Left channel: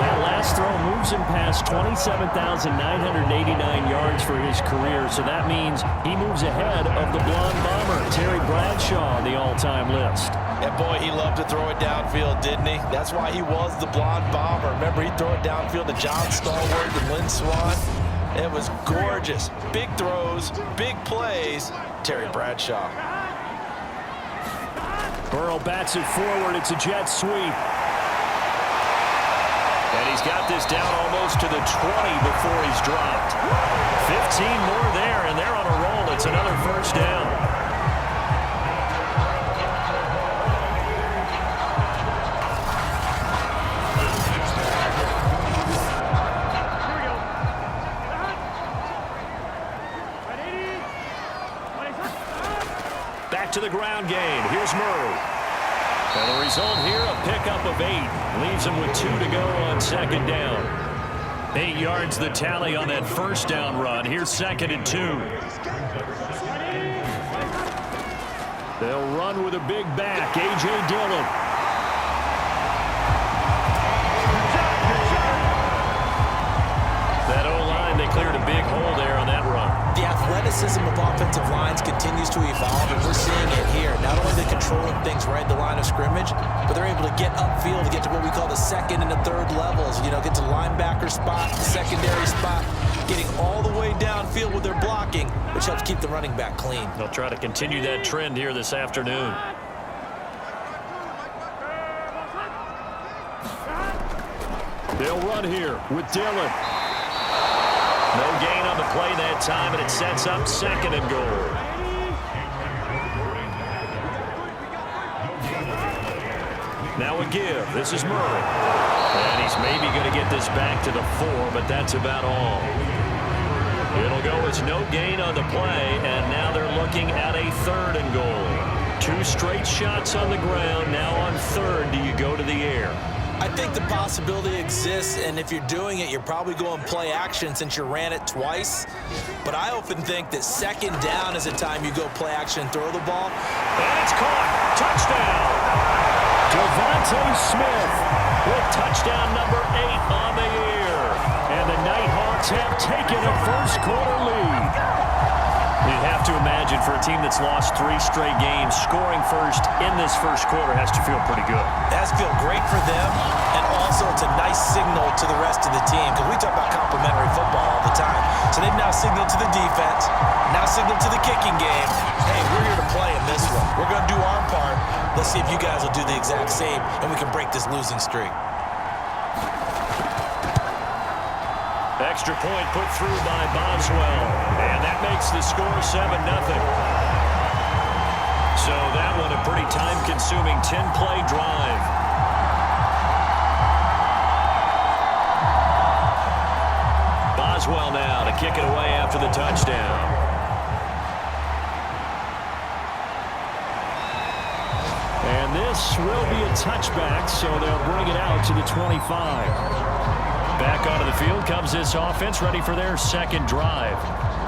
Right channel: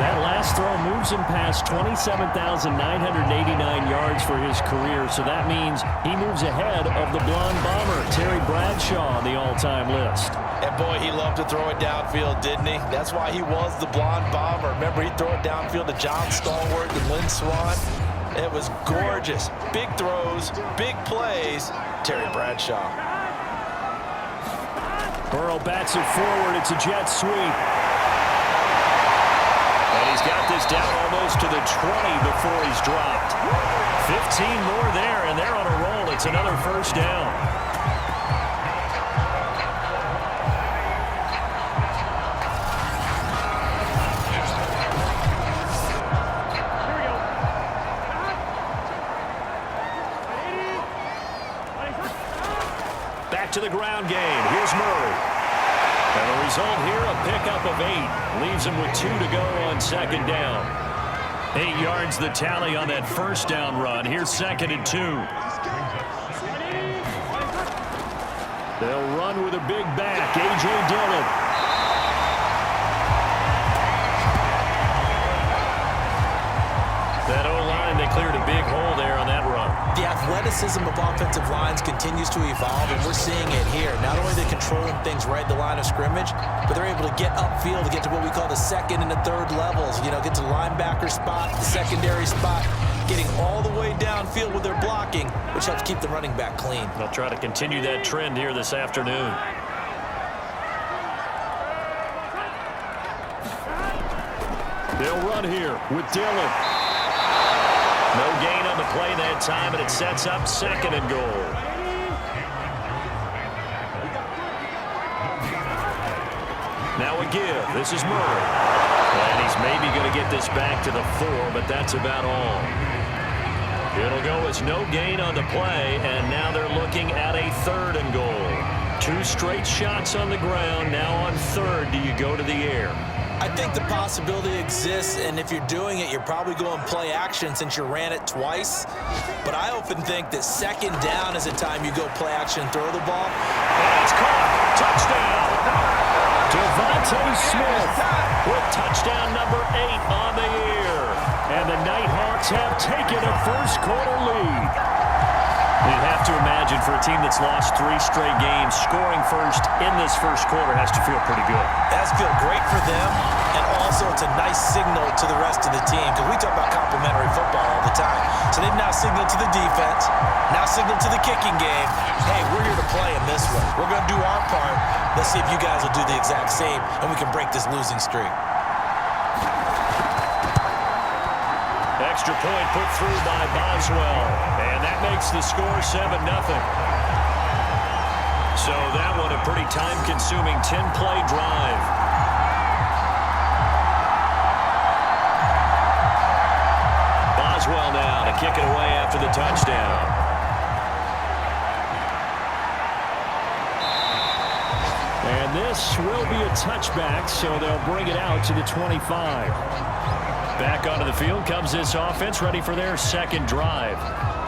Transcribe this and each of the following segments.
That last throw moves him past 27,989 yards for his career, so that means he moves ahead of the blonde bomber, Terry Bradshaw, on the all-time list. And boy, he loved to throw it downfield, didn't he? That's why he was the blonde bomber. Remember, he'd throw it downfield to John Stallworth and Lynn Swann. It was gorgeous. Big throws, big plays. Terry Bradshaw. Burrow bats it forward. It's a jet sweep. And he's got this down almost to the 20 before he's dropped. 15 more there, and they're on a roll. It's another first down. Back to the ground game. Here's Murray. And the result here, a pickup of 8. Leaves him with 2 to go on second down. 8 yards the tally on that first down run. Here's 2nd and 2. They'll run with a big back, A.J. Dillon. That O-line, they cleared a big hole there on that run. The athleticism of offensive lines continues to evolve, and we're seeing it here. Not only are they controlling things right at the line of scrimmage, but they're able to get upfield to get to what we call the second and the third levels. You know, get to the linebacker spot, the secondary spot, getting all the way downfield with their blocking, which helps keep the running back clean. They'll try to continue that trend here this afternoon. They'll run here with Dillon. No gain on the play that time, and it sets up 2nd and goal. Now a give. This is Murray. And he's maybe going to get this back to the 4, but that's about all. It'll go as no gain on the play, and now they're looking at a 3rd and goal. 2 straight shots on the ground. Now on 3rd, do you go to the air? I think the possibility exists, and if you're doing it, you're probably going play action since you ran it twice. But I often think that 2nd down is a time you go play action and throw the ball. And it's caught. Touchdown. Devontae Smith with touchdown number 8 on the year. And the Nighthawks have taken a first-quarter lead. You'd have to imagine for a team that's lost 3 straight games, scoring first in this first quarter has to feel pretty good. It has to feel great for them, and also it's a nice signal to the rest of the team, because we talk about complementary football all the time. So they've now signaled to the defense, now signaled to the kicking game, hey, we're here to play in this one. We're going to do our part. Let's see if you guys will do the exact same, and we can break this losing streak. Extra point put through by Boswell, and that makes the score 7-0. So that one a pretty time-consuming 10-play drive. Boswell now to kick it away after the touchdown. And this will be a touchback, so they'll bring it out to the 25. Back onto the field comes this offense, ready for their 2nd drive.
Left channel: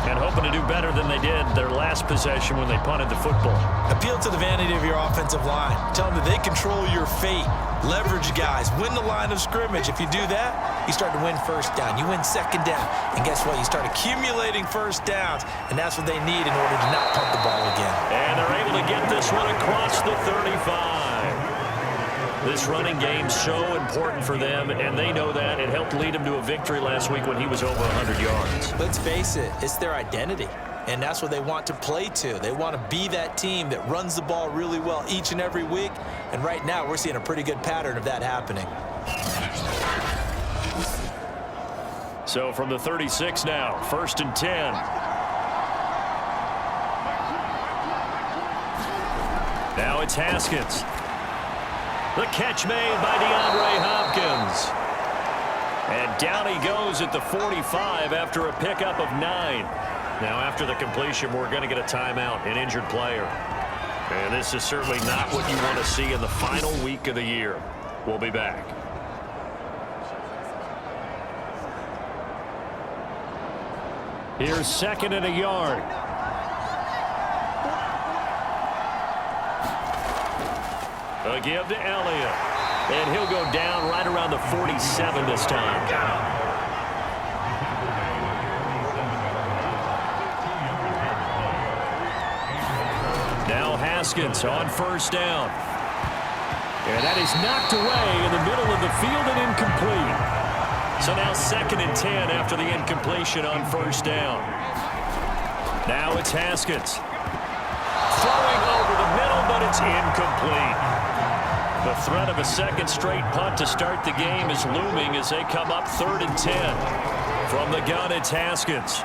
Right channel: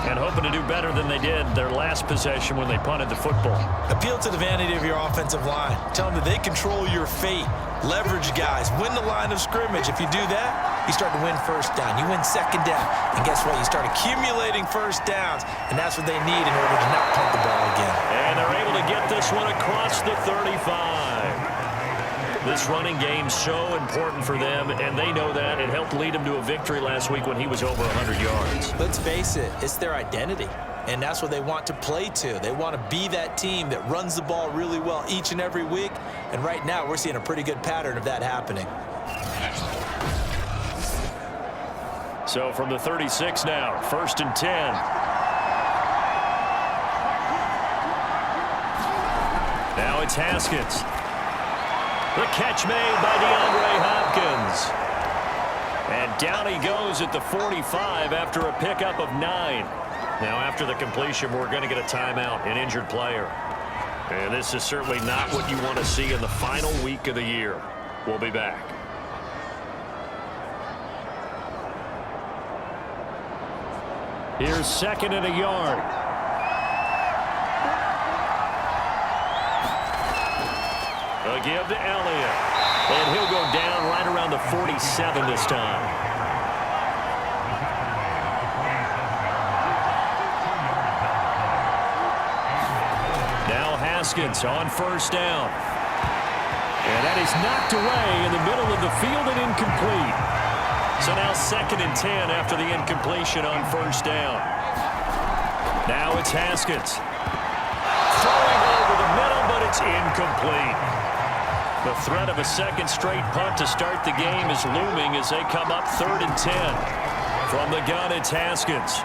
And hoping to do better than they did their last possession when they punted the football. Appeal to the vanity of your offensive line. Tell them that they control your fate. Leverage guys. Win the line of scrimmage. If you do that, you start to win first down. You win 2nd down. And guess what? You start accumulating first downs. And that's what they need in order to not punt the ball again. And they're able to get this one across the 35. This running game's so important for them, and they know that. It helped lead them to a victory last week when he was over 100 yards. Let's face it, it's their identity, and that's what they want to play to. They want to be that team that runs the ball really well each and every week, and right now we're seeing a pretty good pattern of that happening. So from the 36 now, 1st and 10. Now it's Haskins. The catch made by DeAndre Hopkins. And down he goes at the 45 after a pickup of 9. Now after the completion, we're going to get a timeout, an injured player. And this is certainly not what you want to see in the final week of the year. We'll be back. Here's 2nd and a yard. A give to Elliott. And he'll go down right around the 47 this time. Now Haskins on first down. And that is knocked away in the middle of the field and incomplete. So now 2nd and 10 after the incompletion on first down. Now it's Haskins. Throwing over the middle, but it's incomplete. The threat of a second straight punt to start the game is looming as they come up 3rd and 10. From the gun, it's Haskins.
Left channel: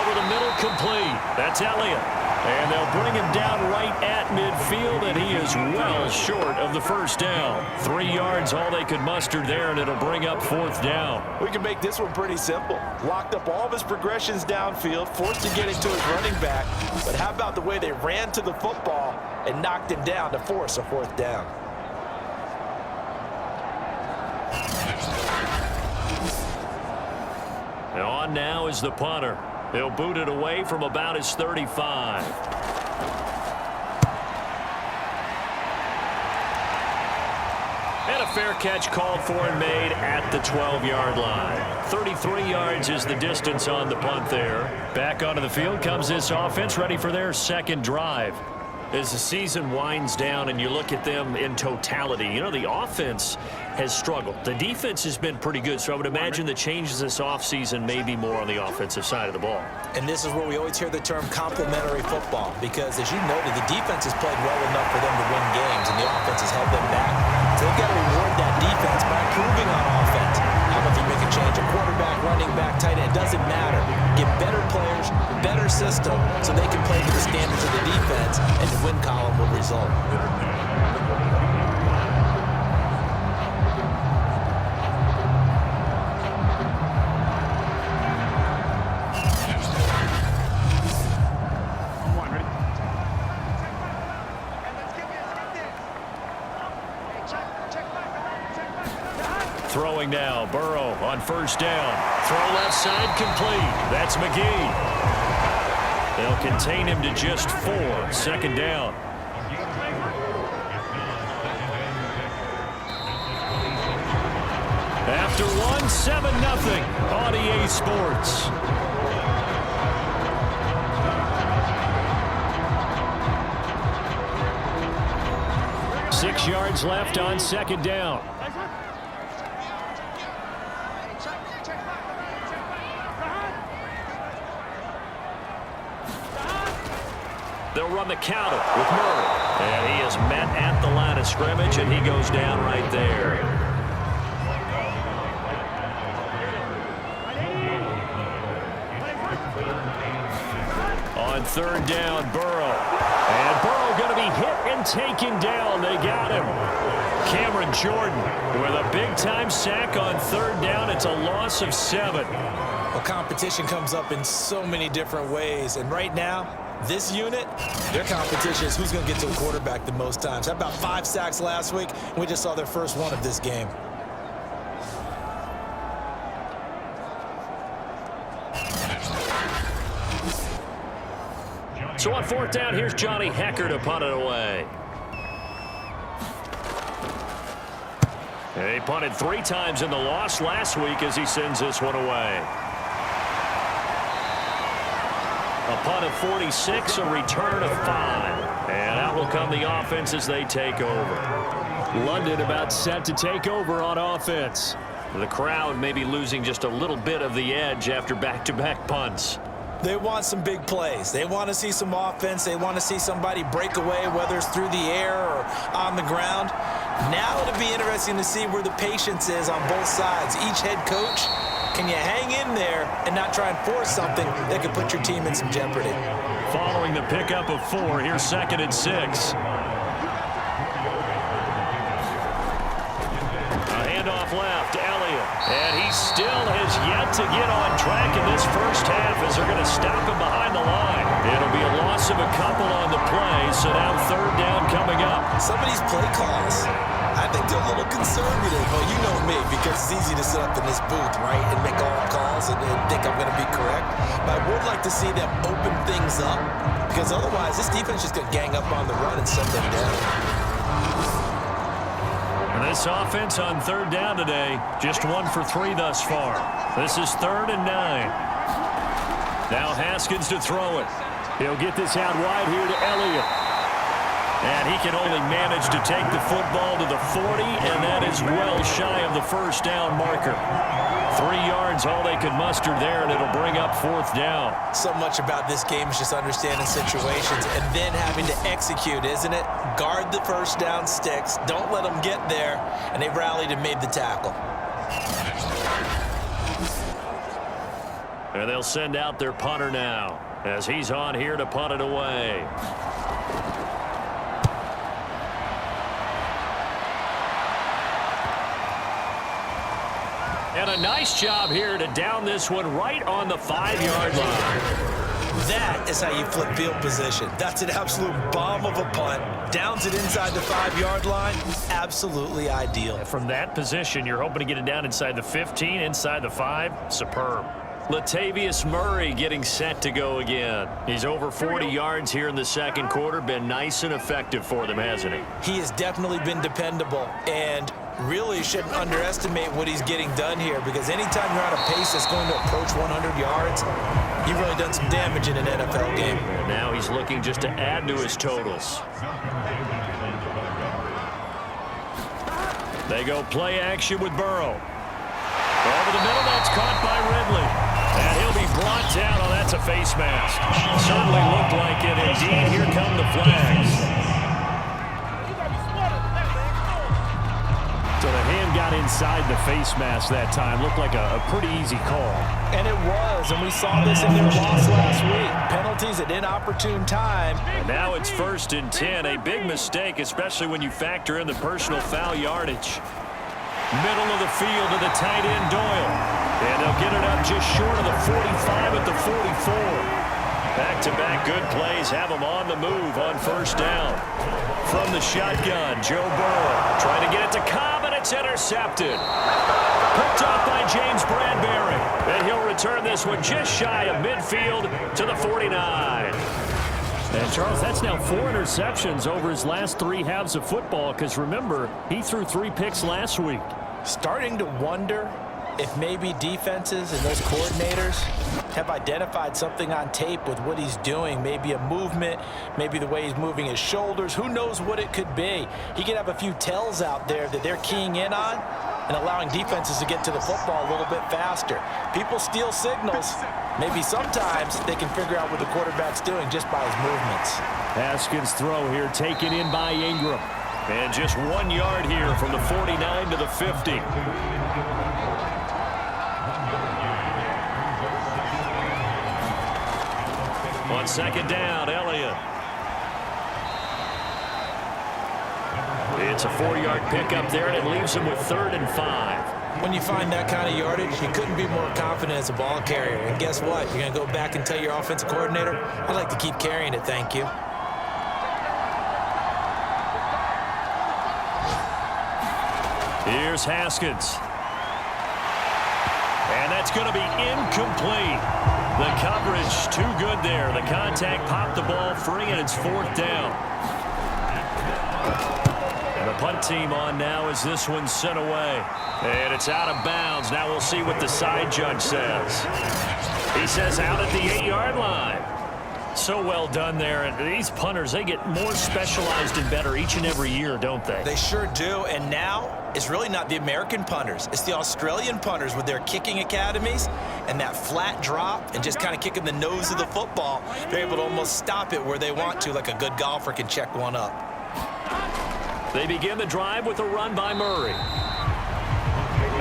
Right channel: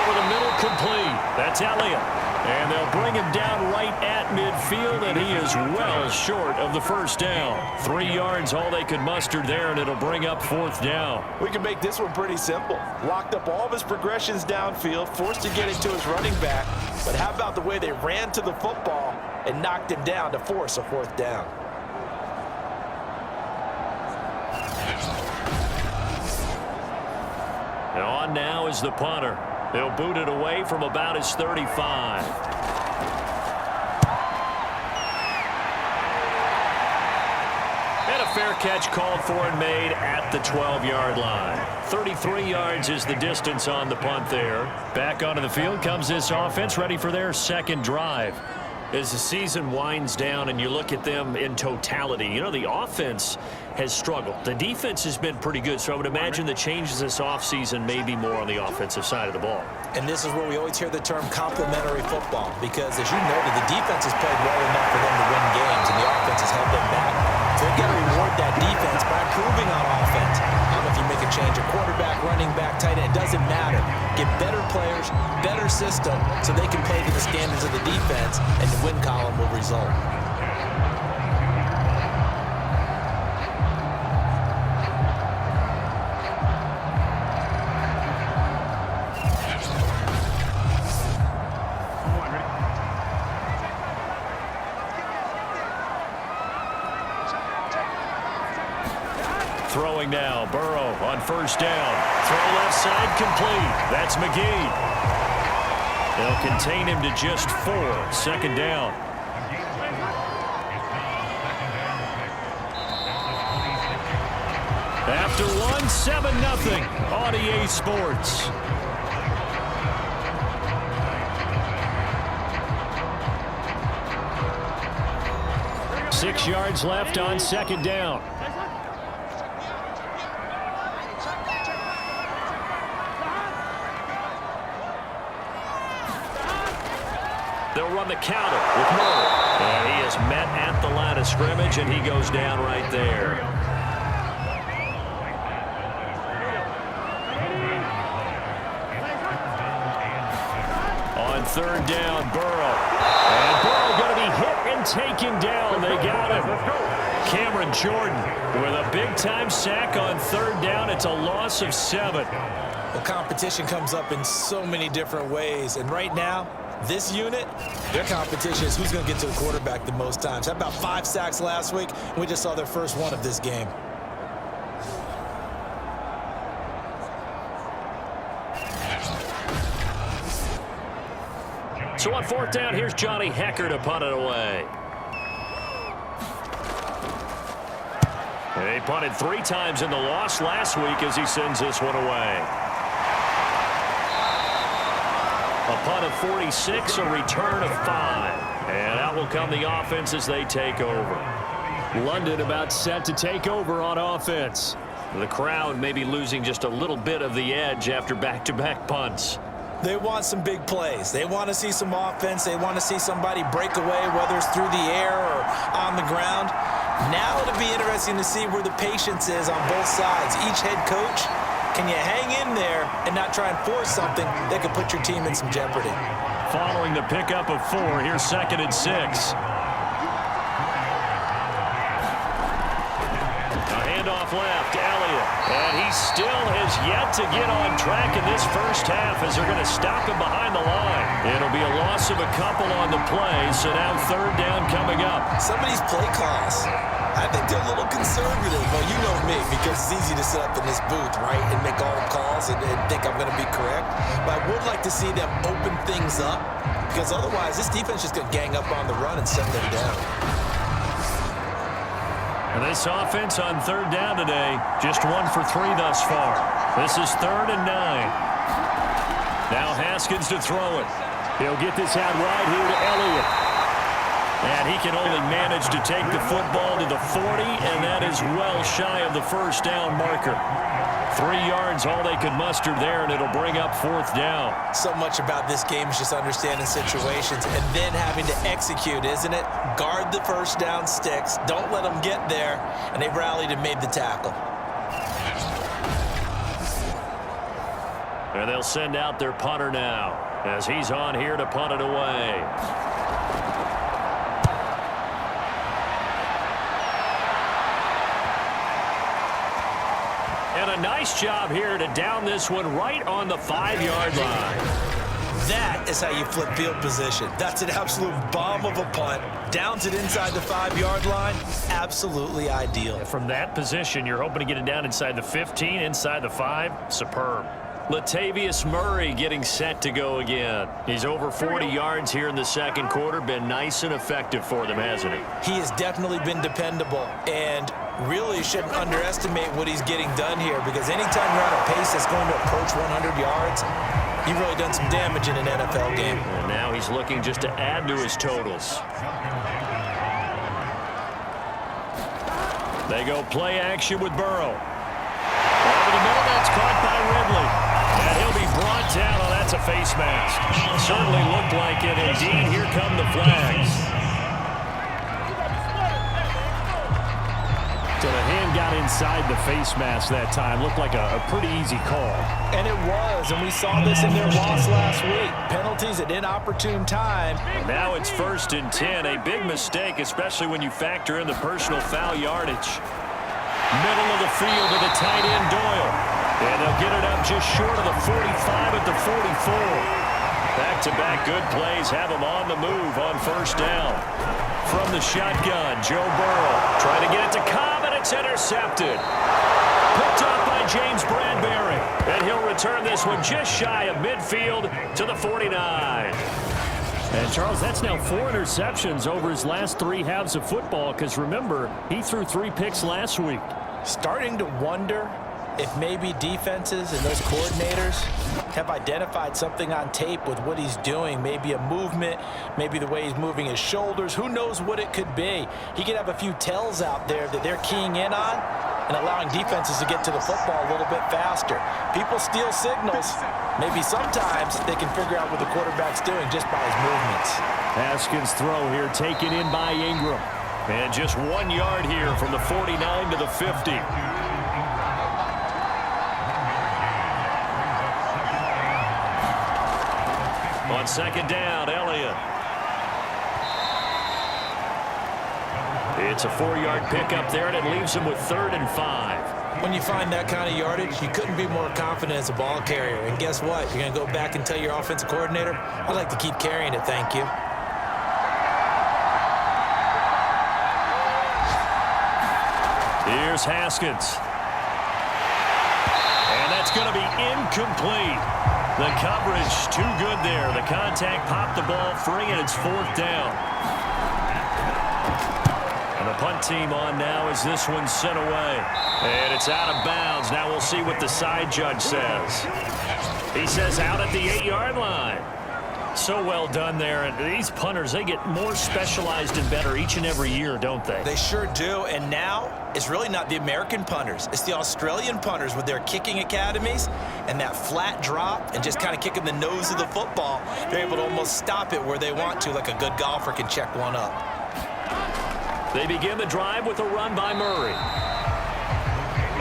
Over the middle, complete. That's Elliott. And they'll bring him down right at midfield, and he is well short of the first down. 3 yards, all they could muster there, and it'll bring up 4th down. We can make this one pretty simple. Locked up all of his progressions downfield, forced to get it to his running back. But how about the way they ran to the football and knocked him down to force a 4th down? And on now is the punter. They'll boot it away from about his 35. And a fair catch called for and made at the 12-yard line. 33 yards is the distance on the punt there. Back onto the field comes this offense, ready for their second drive. As the season winds down and you look at them in totality, you know, the offense has struggled. The defense has been pretty good, so I would imagine the changes this offseason may be more on the offensive side of the ball. And this is where we always hear the term complementary football, because as you noted, the defense has played well enough for them to win games, and the offense has held them back. So they've got to reward that defense by improving on offense. I don't know if you make a change at quarterback, running back, tight end, it doesn't matter. Get better players, better system, so they can play to the standards of the defense, and the win column will result. Throwing now, Burrow on first down. Throw left side complete. That's McGee. They'll contain him to just 4. 2nd down. After 1, 7-0 on EA Sports. Six yards left on 2nd down. They'll run the counter with Murray. And he is met at the line of scrimmage, and he goes down right there. On 3rd down, Burrow. And Burrow going to be hit and taken down. They got him. Cameron Jordan with a big-time sack on 3rd down. It's a loss of 7. Well, competition comes up in so many different ways, and right now, this unit, their competition is who's going to get to the quarterback the most times. Had about 5 sacks last week, and we just saw their first one of this game. So on 4th down, here's Johnny Hecker to punt it away. And he punted 3 times in the loss last week as he sends this one away. A punt of 46, a return of 5. And out will come the offense as they take over. London about set to take over on offense. The crowd may be losing just a little bit of the edge after back-to-back punts. They want some big plays. They want to see some offense. They want to see somebody break away, whether it's through the air or on the ground. Now it'll be interesting to see where the patience is on both sides. Each head coach, can you hang in there and not try and force something that could put your team in some jeopardy? Following the pickup of 4, here's 2nd and 6. A handoff left, Elliott. And he still has yet to get on track in this first half as they're going to stop him behind the line. It'll be a loss of a couple on the play, so now 3rd down coming up. Some of these play calls, I think they're a little conservative. Well, you know me, because it's easy to sit up in this booth, right, and make all calls and think I'm going to be correct. But I would like to see them open things up, because otherwise this defense is just going to gang up on the run and send them down. And this offense on third down today, just 1 for 3 thus far. This is 3rd and 9. Now Haskins to throw it. He'll get this out wide here to Elliott. And he can only manage to take the football to the 40, and that is well shy of the first down marker. 3 yards, all they could muster there, and it'll bring up 4th down. So much about this game is just understanding situations and then having to execute, isn't it? Guard the first down sticks. Don't let them get there. And they rallied and made the tackle. And they'll send out their punter now as he's on here to punt it away. And a nice job here to down this one right on the 5-yard line. That is how you flip field position. That's an absolute bomb of a punt. Downs it inside the 5-yard line. Absolutely ideal. From that position, you're hoping to get it down inside the 15, inside the 5. Superb. Latavius Murray getting set to go again. He's over 40 yards here in the second quarter. Been nice and effective for them, hasn't he? He has definitely been dependable, and really shouldn't underestimate what he's getting done here, because anytime you're on a pace that's going to approach 100 yards, you've really done some damage in an NFL game. And now he's looking just to add to his totals. They go play action with Burrow. Over the middle, that's caught by Ridley. And he'll be brought down. Oh, that's a face mask. Certainly looked like it. Indeed, here come the flags. So the hand got inside the face mask that time. Looked like a pretty easy call. And it was, and we saw this in their loss last week. Penalties at inopportune time. And now it's 1st and 10. A big mistake, especially when you factor in the personal foul yardage. Middle of the field to the tight end, Doyle. And they'll get it up just short of the 45 at the 44. Back-to-back good plays have them on the move on first down. From the shotgun, Joe Burrow trying to get it to Cobb, and it's intercepted. Picked up by James Bradbury. And he'll return this one just shy of midfield to the 49. And, Charles, that's now 4 interceptions over his last 3 halves of football, because, remember, he threw 3 picks last week. Starting to wonder if maybe defenses and those coordinators have identified something on tape with what he's doing. Maybe a movement, maybe the way he's moving his shoulders. Who knows what it could be? He could have a few tells out there that they're keying in on and allowing defenses to get to the football a little bit faster. People steal signals. Maybe sometimes they can figure out what the quarterback's doing just by his movements. Haskins' throw here taken in by Ingram. And just 1 yard here from the 49 to the 50. On second down, Elliott. It's a 4-yard pickup there, and it leaves him with 3rd and 5. When you find that kind of yardage, you couldn't be more confident as a ball carrier. And guess what? You're going to go back and tell your offensive coordinator, I'd like to keep carrying it, thank you. Here's Haskins. And that's going to be incomplete. The coverage too good there. The contact popped the ball free, and it's 4th down. And the punt team on now as this one's sent away. And it's out of bounds. Now we'll see what the side judge says. He says out at the 8-yard line. So well done there. And these punters, they get more specialized and better each and every year, don't they? They sure do. And now it's really not the American punters. It's the Australian punters with their kicking academies and that flat drop and just kind of kicking the nose of the football. They're able to almost stop it where they want to, like a good golfer can check one up. They begin the drive with a run by Murray.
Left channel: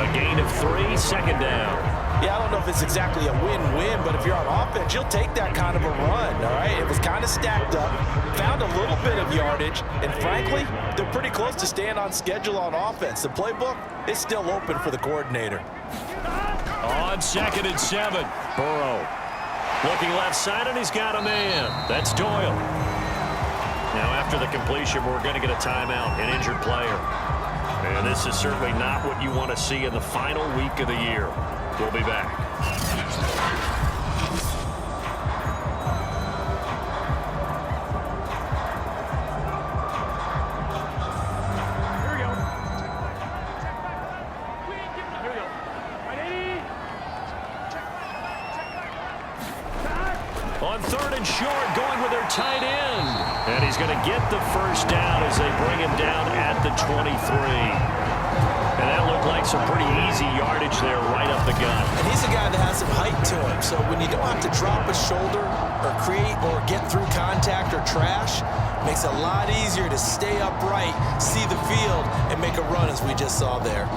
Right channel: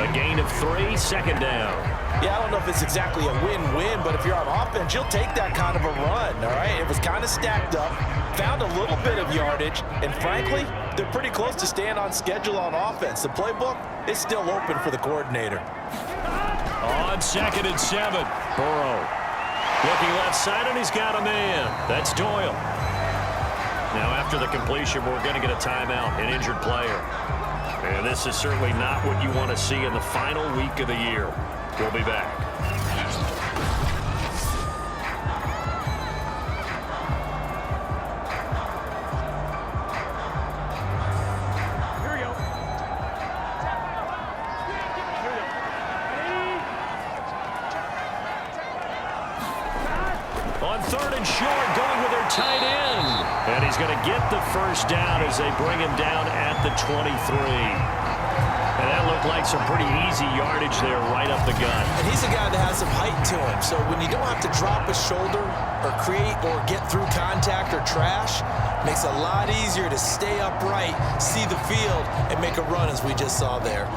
A gain of 3, 2nd down. Yeah, I don't know if it's exactly a win-win, but if you're on offense, you'll take that kind of a run, all right? It was kind of stacked up, found a little bit of yardage, and frankly, they're pretty close to staying on schedule on offense. The playbook is still open for the coordinator. On 2nd and 7, Burrow looking left side, and he's got a man. That's Doyle. Now, after the completion, we're going to get a timeout, an injured player. And this is certainly not what you want to see in the final week of the year. We'll be back. Here we go. On 3rd and short, going with their tight end. And he's going to get the first down as they bring him down at the 23. And that looked like some pretty easy yardage there right up the gut. And he's a guy that has some height to him. So when you don't have to drop a shoulder or create or get through contact or trash, makes it a lot easier to stay upright, see the field, and make a run as we just saw there.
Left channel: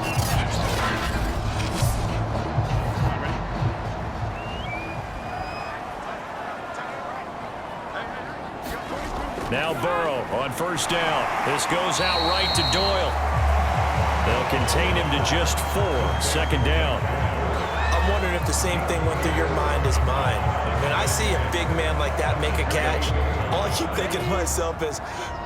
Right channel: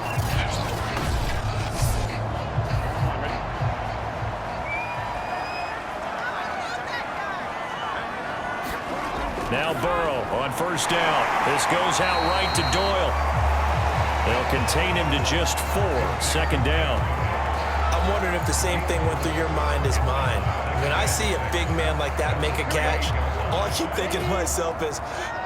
Now Burrow on 1st down. This goes out right to Doyle. They'll contain him to just 4. 2nd down. I'm wondering if the same thing went through your mind as mine. When I see a big man like that make a catch, all I keep thinking to myself is,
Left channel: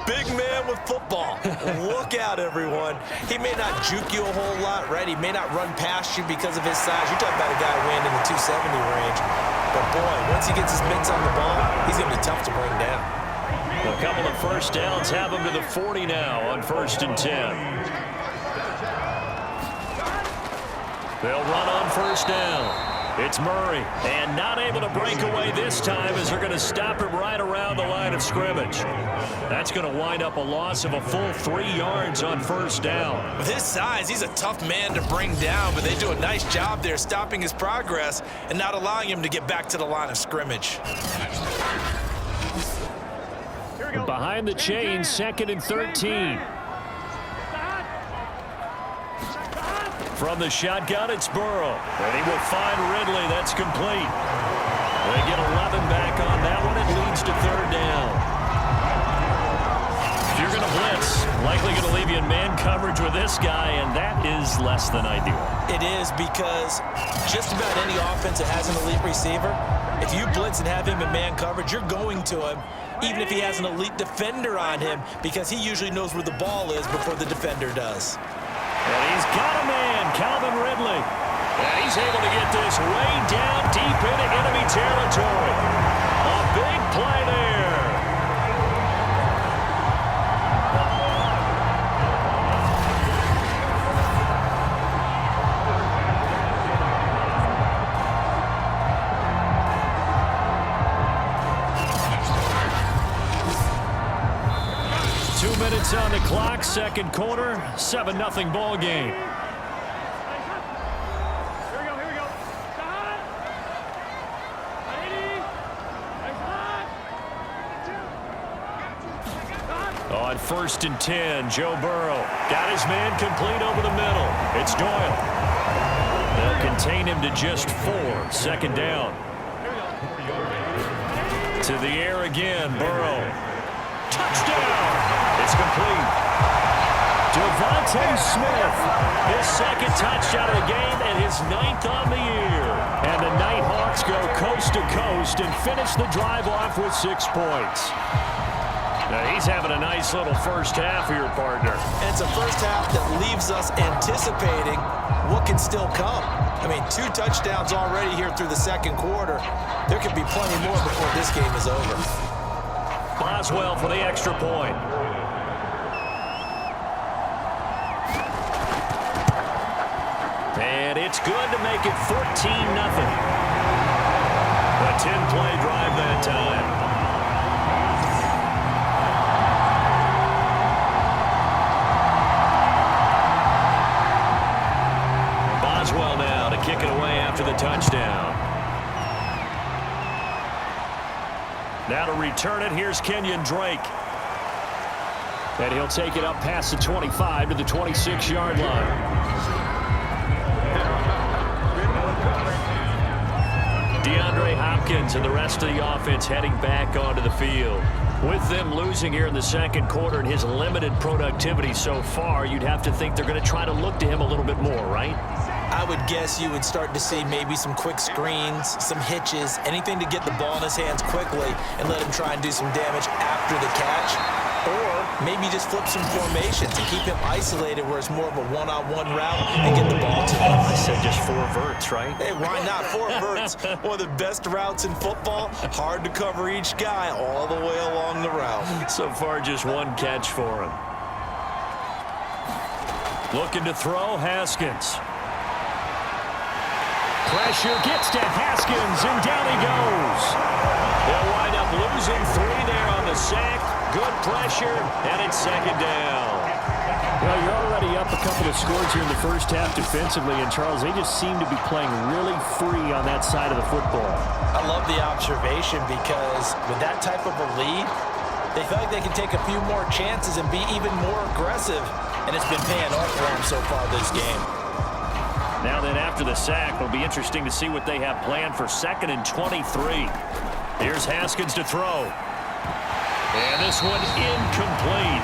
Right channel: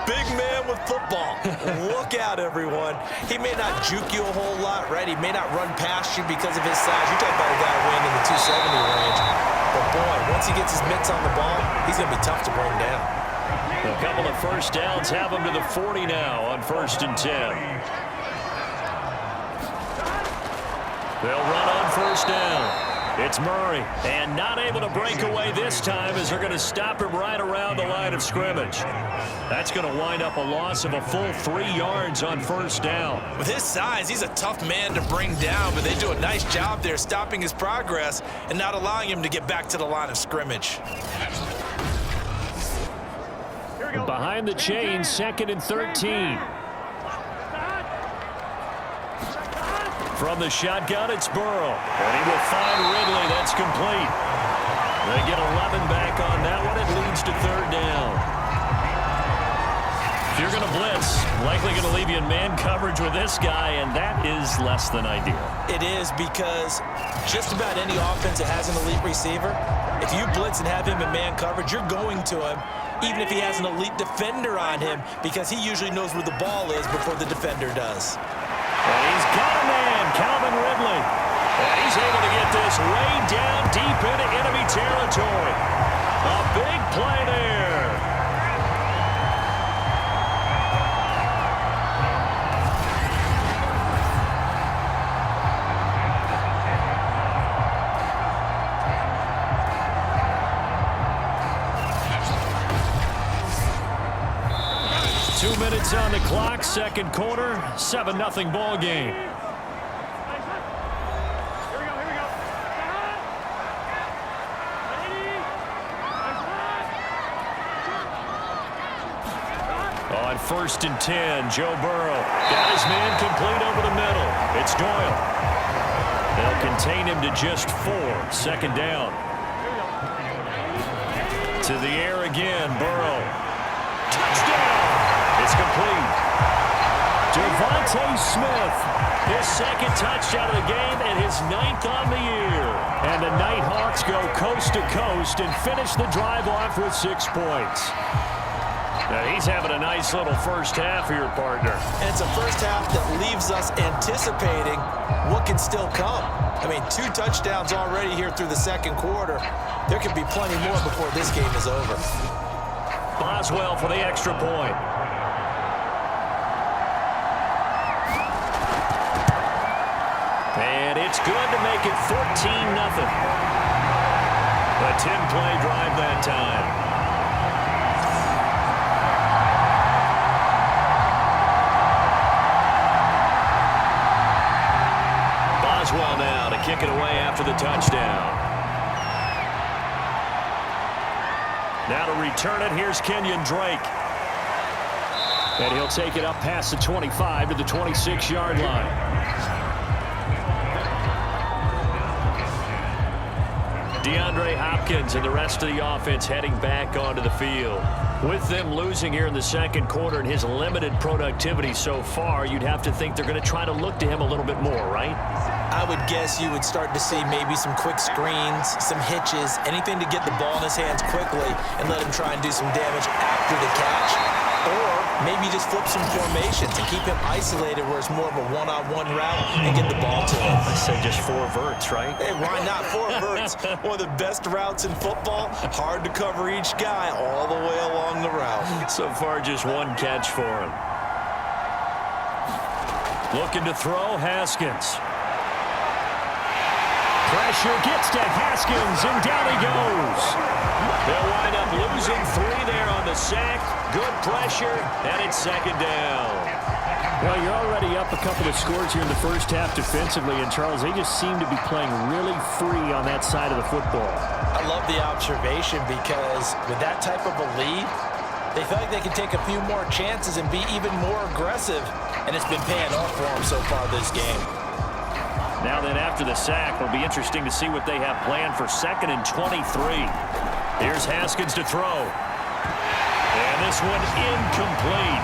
big man with football. Look out, everyone. He may not juke you a whole lot, right? He may not run past you because of his size. You're talking about a guy weighing in the 270 range. But, boy, once he gets his mitts on the ball, he's going to be tough to bring down. A couple of 1st downs have him to the 40 now on 1st and 10. They'll run on 1st down. It's Murray, and not able to break away this time as they're going to stop him right around the line of scrimmage. That's going to wind up a loss of a full 3 yards on 1st down. With his size, he's a tough man to bring down, but they do a nice job there stopping his progress and not allowing him to get back to the line of scrimmage. Behind the chains, 2nd and 13. From the shotgun, it's Burrow. And he will find Ridley. That's complete. They get 11 back on that one. It leads to 3rd down. If you're going to blitz, likely going to leave you in man coverage with this guy, and that is less than ideal. It is, because just about any offense that has an elite receiver, if you blitz and have him in man coverage, you're going to him, even if he has an elite defender on him, because he usually knows where the ball is before the defender does. And he's got a man, Calvin Ridley. And he's able to get this way down deep into enemy territory. A big play there. Minutes on the clock, 2nd quarter, 7-0 ball game. On 1st and 10, Joe Burrow got his man complete over the middle. It's Doyle. They'll contain him to just 4. 2nd down. To the air again, Burrow. Touchdown! It's complete. Devontae Smith, his 2nd touchdown of the game and his 9th on the year. And the Nighthawks go coast to coast and finish the drive off with 6 points. Now he's having a nice little first half here, partner. And it's a first half that leaves us anticipating what can still come. I mean, 2 touchdowns already here through the 2nd quarter. There could be plenty more before this game is over. Boswell for the extra point. And it's good to make it 14-0. A 10-play drive that time. Boswell now to kick it away after the touchdown. Now to return it, here's Kenyon Drake. And he'll take it up past the 25 to the 26-yard line. DeAndre Hopkins and the rest of the offense heading back onto the field. With them losing here in the 2nd quarter and his limited productivity so far, you'd have to think they're going to try to look to him a little bit more, right? I would guess you would start to see maybe some quick screens, some hitches, anything to get the ball in his hands quickly and let him try and do some damage after the catch. Or maybe just flip some formations and keep him isolated where it's more of a one-on-one route and get the ball to him. I said just 4 verts, right? Hey, why not 4 verts? One of the best routes in football. Hard to cover each guy all the way along the route. So far, just 1 catch for him. Looking to throw, Haskins. Pressure gets to Haskins, and down he goes. They'll wind up losing 3 there on the sack. Good pressure, and it's second down. Well, you're already up a couple of scores here in the first half defensively, and Charles, they just seem to be playing really free on that side of the football. I love the observation because with that type of a lead, they feel like they can take a few more chances and be even more aggressive, and it's been paying off for them so far this game. Now then, after the sack, it'll be interesting to see what they have planned for 2nd and 23. Here's Haskins to throw. And this one incomplete.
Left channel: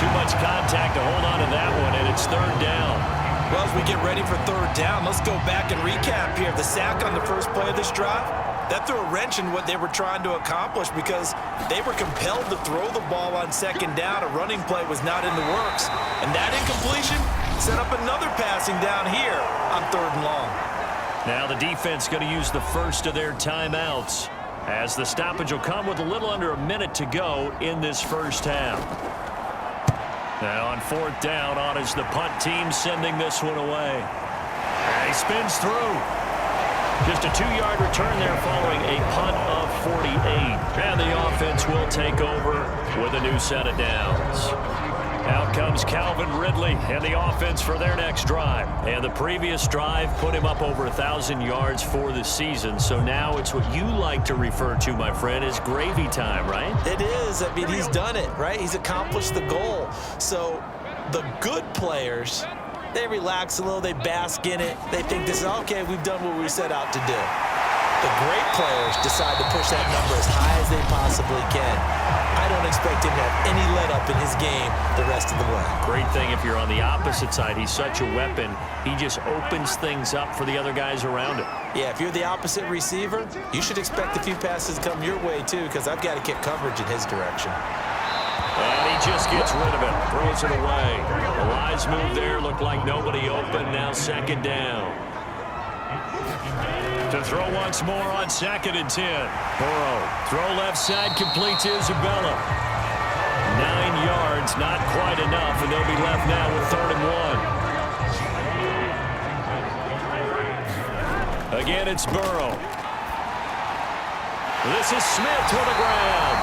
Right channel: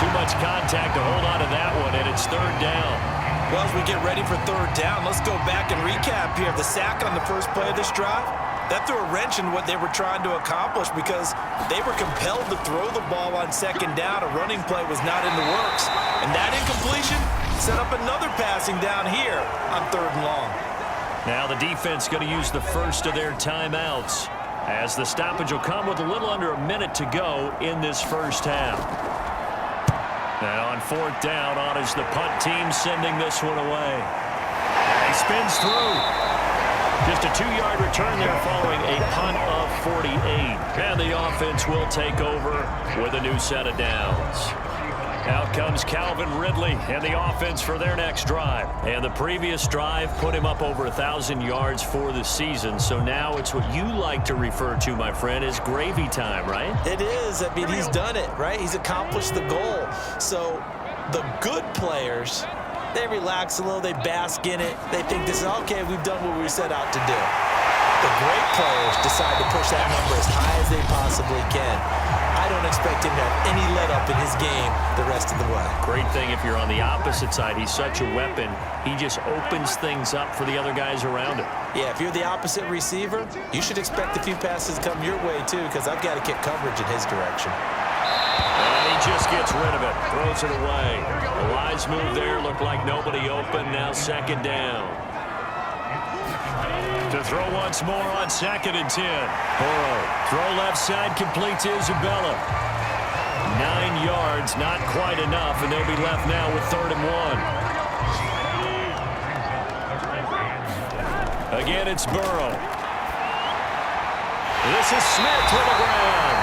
Too much contact to hold on to that one, and it's 3rd down. Well, as we get ready for 3rd down, let's go back and recap here. The sack on the first play of this drive, that threw a wrench in what they were trying to accomplish because they were compelled to throw the ball on 2nd down. A running play was not in the works. And that incompletion set up another passing down here on 3rd and long. Now the defense going to use the first of their timeouts, as the stoppage will come with a little under a minute to go in this first half. And on 4th down, on is the punt team sending this one away. And he spins through. Just a 2-yard return there following a punt of 48. And the offense will take over with a new set of downs. Out comes Calvin Ridley and the offense for their next drive. And the previous drive put him up over 1,000 yards for the season. So now it's what you like to refer to, my friend, as gravy time, right? It is. I mean, he's done it, right? He's accomplished the goal. So the good players, they relax a little. They bask in it. They think this is, okay, we've done what we set out to do. The great players decide to push that number as high as they possibly can. I don't expect him to have any let-up in his game the rest of the way. Great thing if you're on the opposite side. He's such a weapon. He just opens things up for the other guys around him. Yeah, if you're the opposite receiver, you should expect a few passes to come your way, too, because I've got to kick coverage in his direction. And he just gets rid of it, throws it away. The wise move there, looked like nobody open. Now 2nd down. To throw once more on 2nd and 10. Burrow, throw left side, complete to Isabella. 9 yards, not quite enough, and they'll be left now with 3rd and 1. Again, it's Burrow. This is Smith with a grab.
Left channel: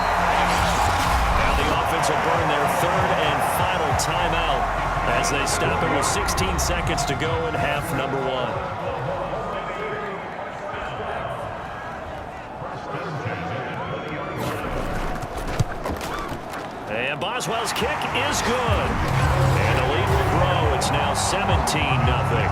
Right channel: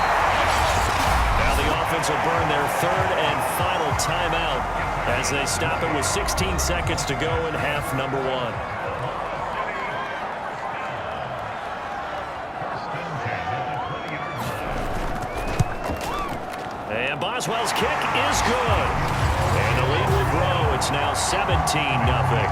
Now the offense will burn their 3rd and final timeout as they stop it with 16 seconds to go in half number 1. And Boswell's kick is good. And the lead will grow. It's now 17-0.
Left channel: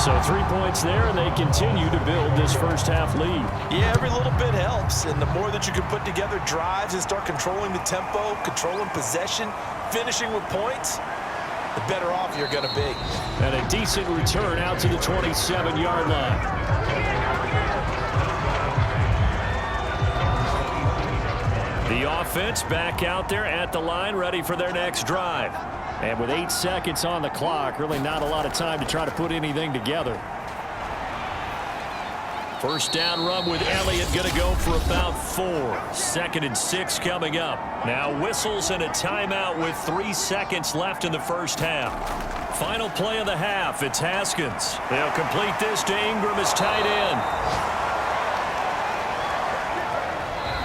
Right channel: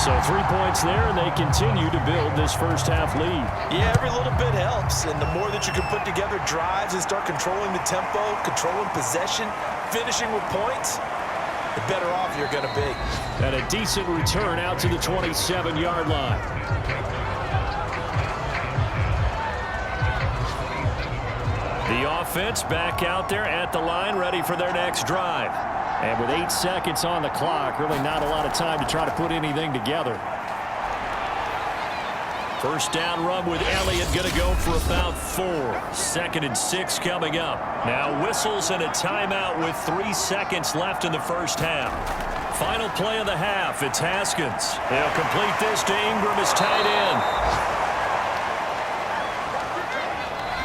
So 3 points there, and they continue to build this first half lead. Yeah, every little bit helps. And the more that you can put together drives and start controlling the tempo, controlling possession, finishing with points, the better off you're going to be. And a decent return out to the 27-yard line. The offense back out there at the line, ready for their next drive. And with 8 seconds on the clock, really not a lot of time to try to put anything together. First down run with Elliott, going to go for about 4. 2nd and 6 coming up. Now whistles and a timeout with 3 seconds left in the first half. Final play of the half, it's Haskins. They'll complete this to Ingram as tight end.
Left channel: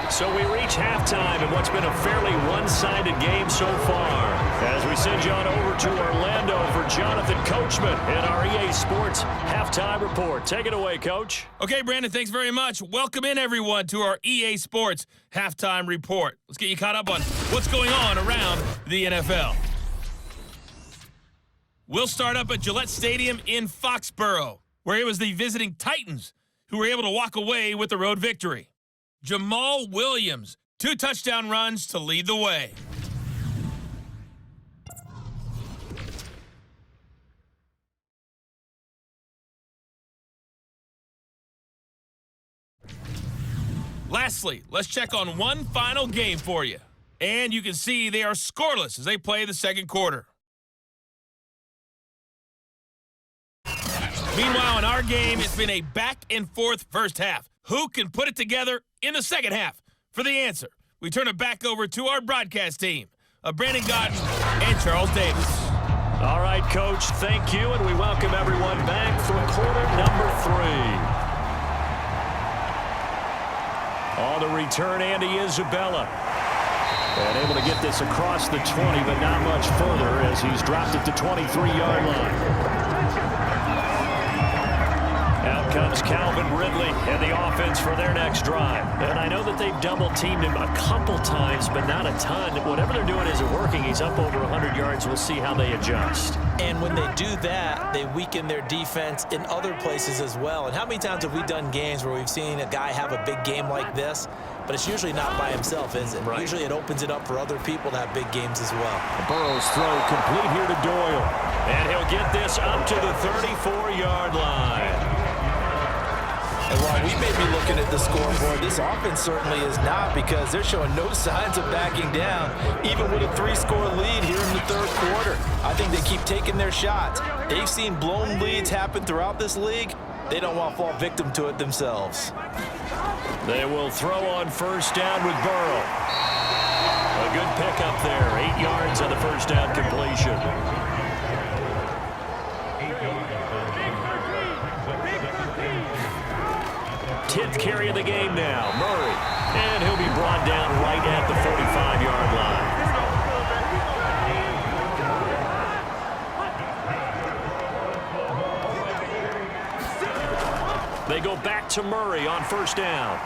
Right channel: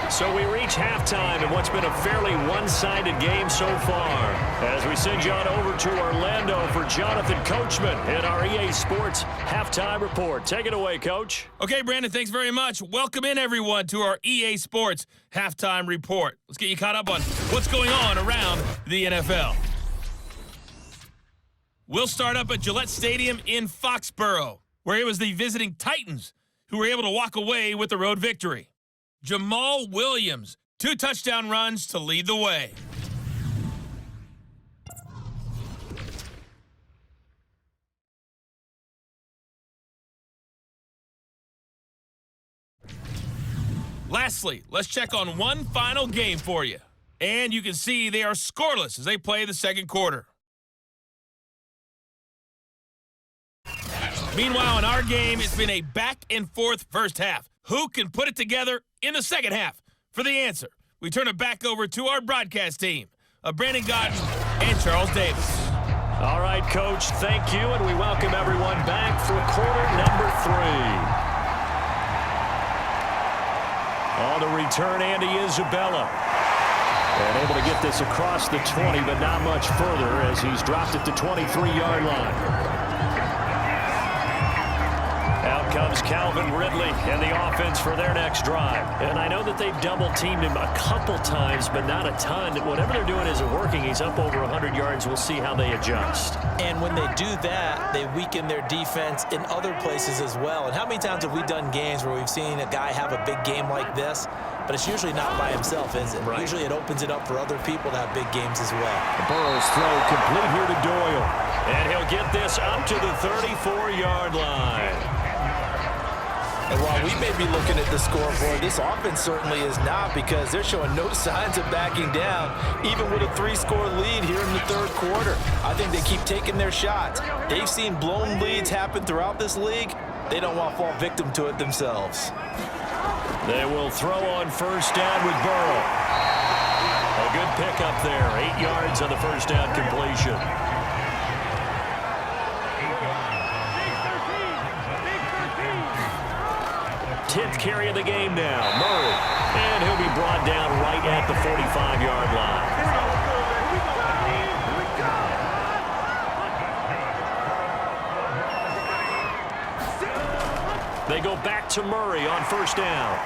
So we reach halftime in what's been a fairly one-sided game so far. As we send you on over to Orlando for Jonathan Coachman in our EA Sports Halftime Report. Take it away, Coach. Okay, Brandon, thanks very much. Welcome in, everyone, to our EA Sports Halftime Report. Let's get you caught up on what's going on around the NFL. We'll start up at Gillette Stadium in Foxborough, where it was the visiting Titans who were able to walk away with the road victory. Jamal Williams, 2 touchdown runs to lead the way. Lastly, let's check on one final game for you. And you can see they are scoreless as they play the second quarter. Meanwhile, in our game, it's been a back-and-forth first half. Who can put it together in the second half? For the answer, we turn it back over to our broadcast team. Brandon Godden, and Charles Davis. All right, Coach, thank you, and we welcome everyone back for quarter number 3. On the return, Andy Isabella. And able to get this across the 20, but not much further as he's dropped it to 23-yard line. Out comes Calvin Ridley and the offense for their next drive. And I know that they've double-teamed him a couple times, but not a ton. Whatever they're doing isn't working. He's up over 100 yards. We'll see how they adjust. And when they do that, they weaken their defense in other places as well. And how many times have we done games where we've seen a guy have a big game like this, but it's usually not by himself, is it? Right. Usually it opens it up for other people to have big games as well. Burrow's throw complete here to Doyle. And he'll get this up to the 34-yard line. And while we may be looking at the scoreboard, this offense certainly is not, because they're showing no signs of backing down, even with a 3-score lead here in the third quarter. I think they keep taking their shots. They've seen blown leads happen throughout this league. They don't want to fall victim to it themselves. They will throw on first down with Burrow. A good pickup there. 8 yards on the first down completion. Tenth carry of the game now, Murray. And he'll be brought down right at the 45-yard line. They go back to Murray on first down.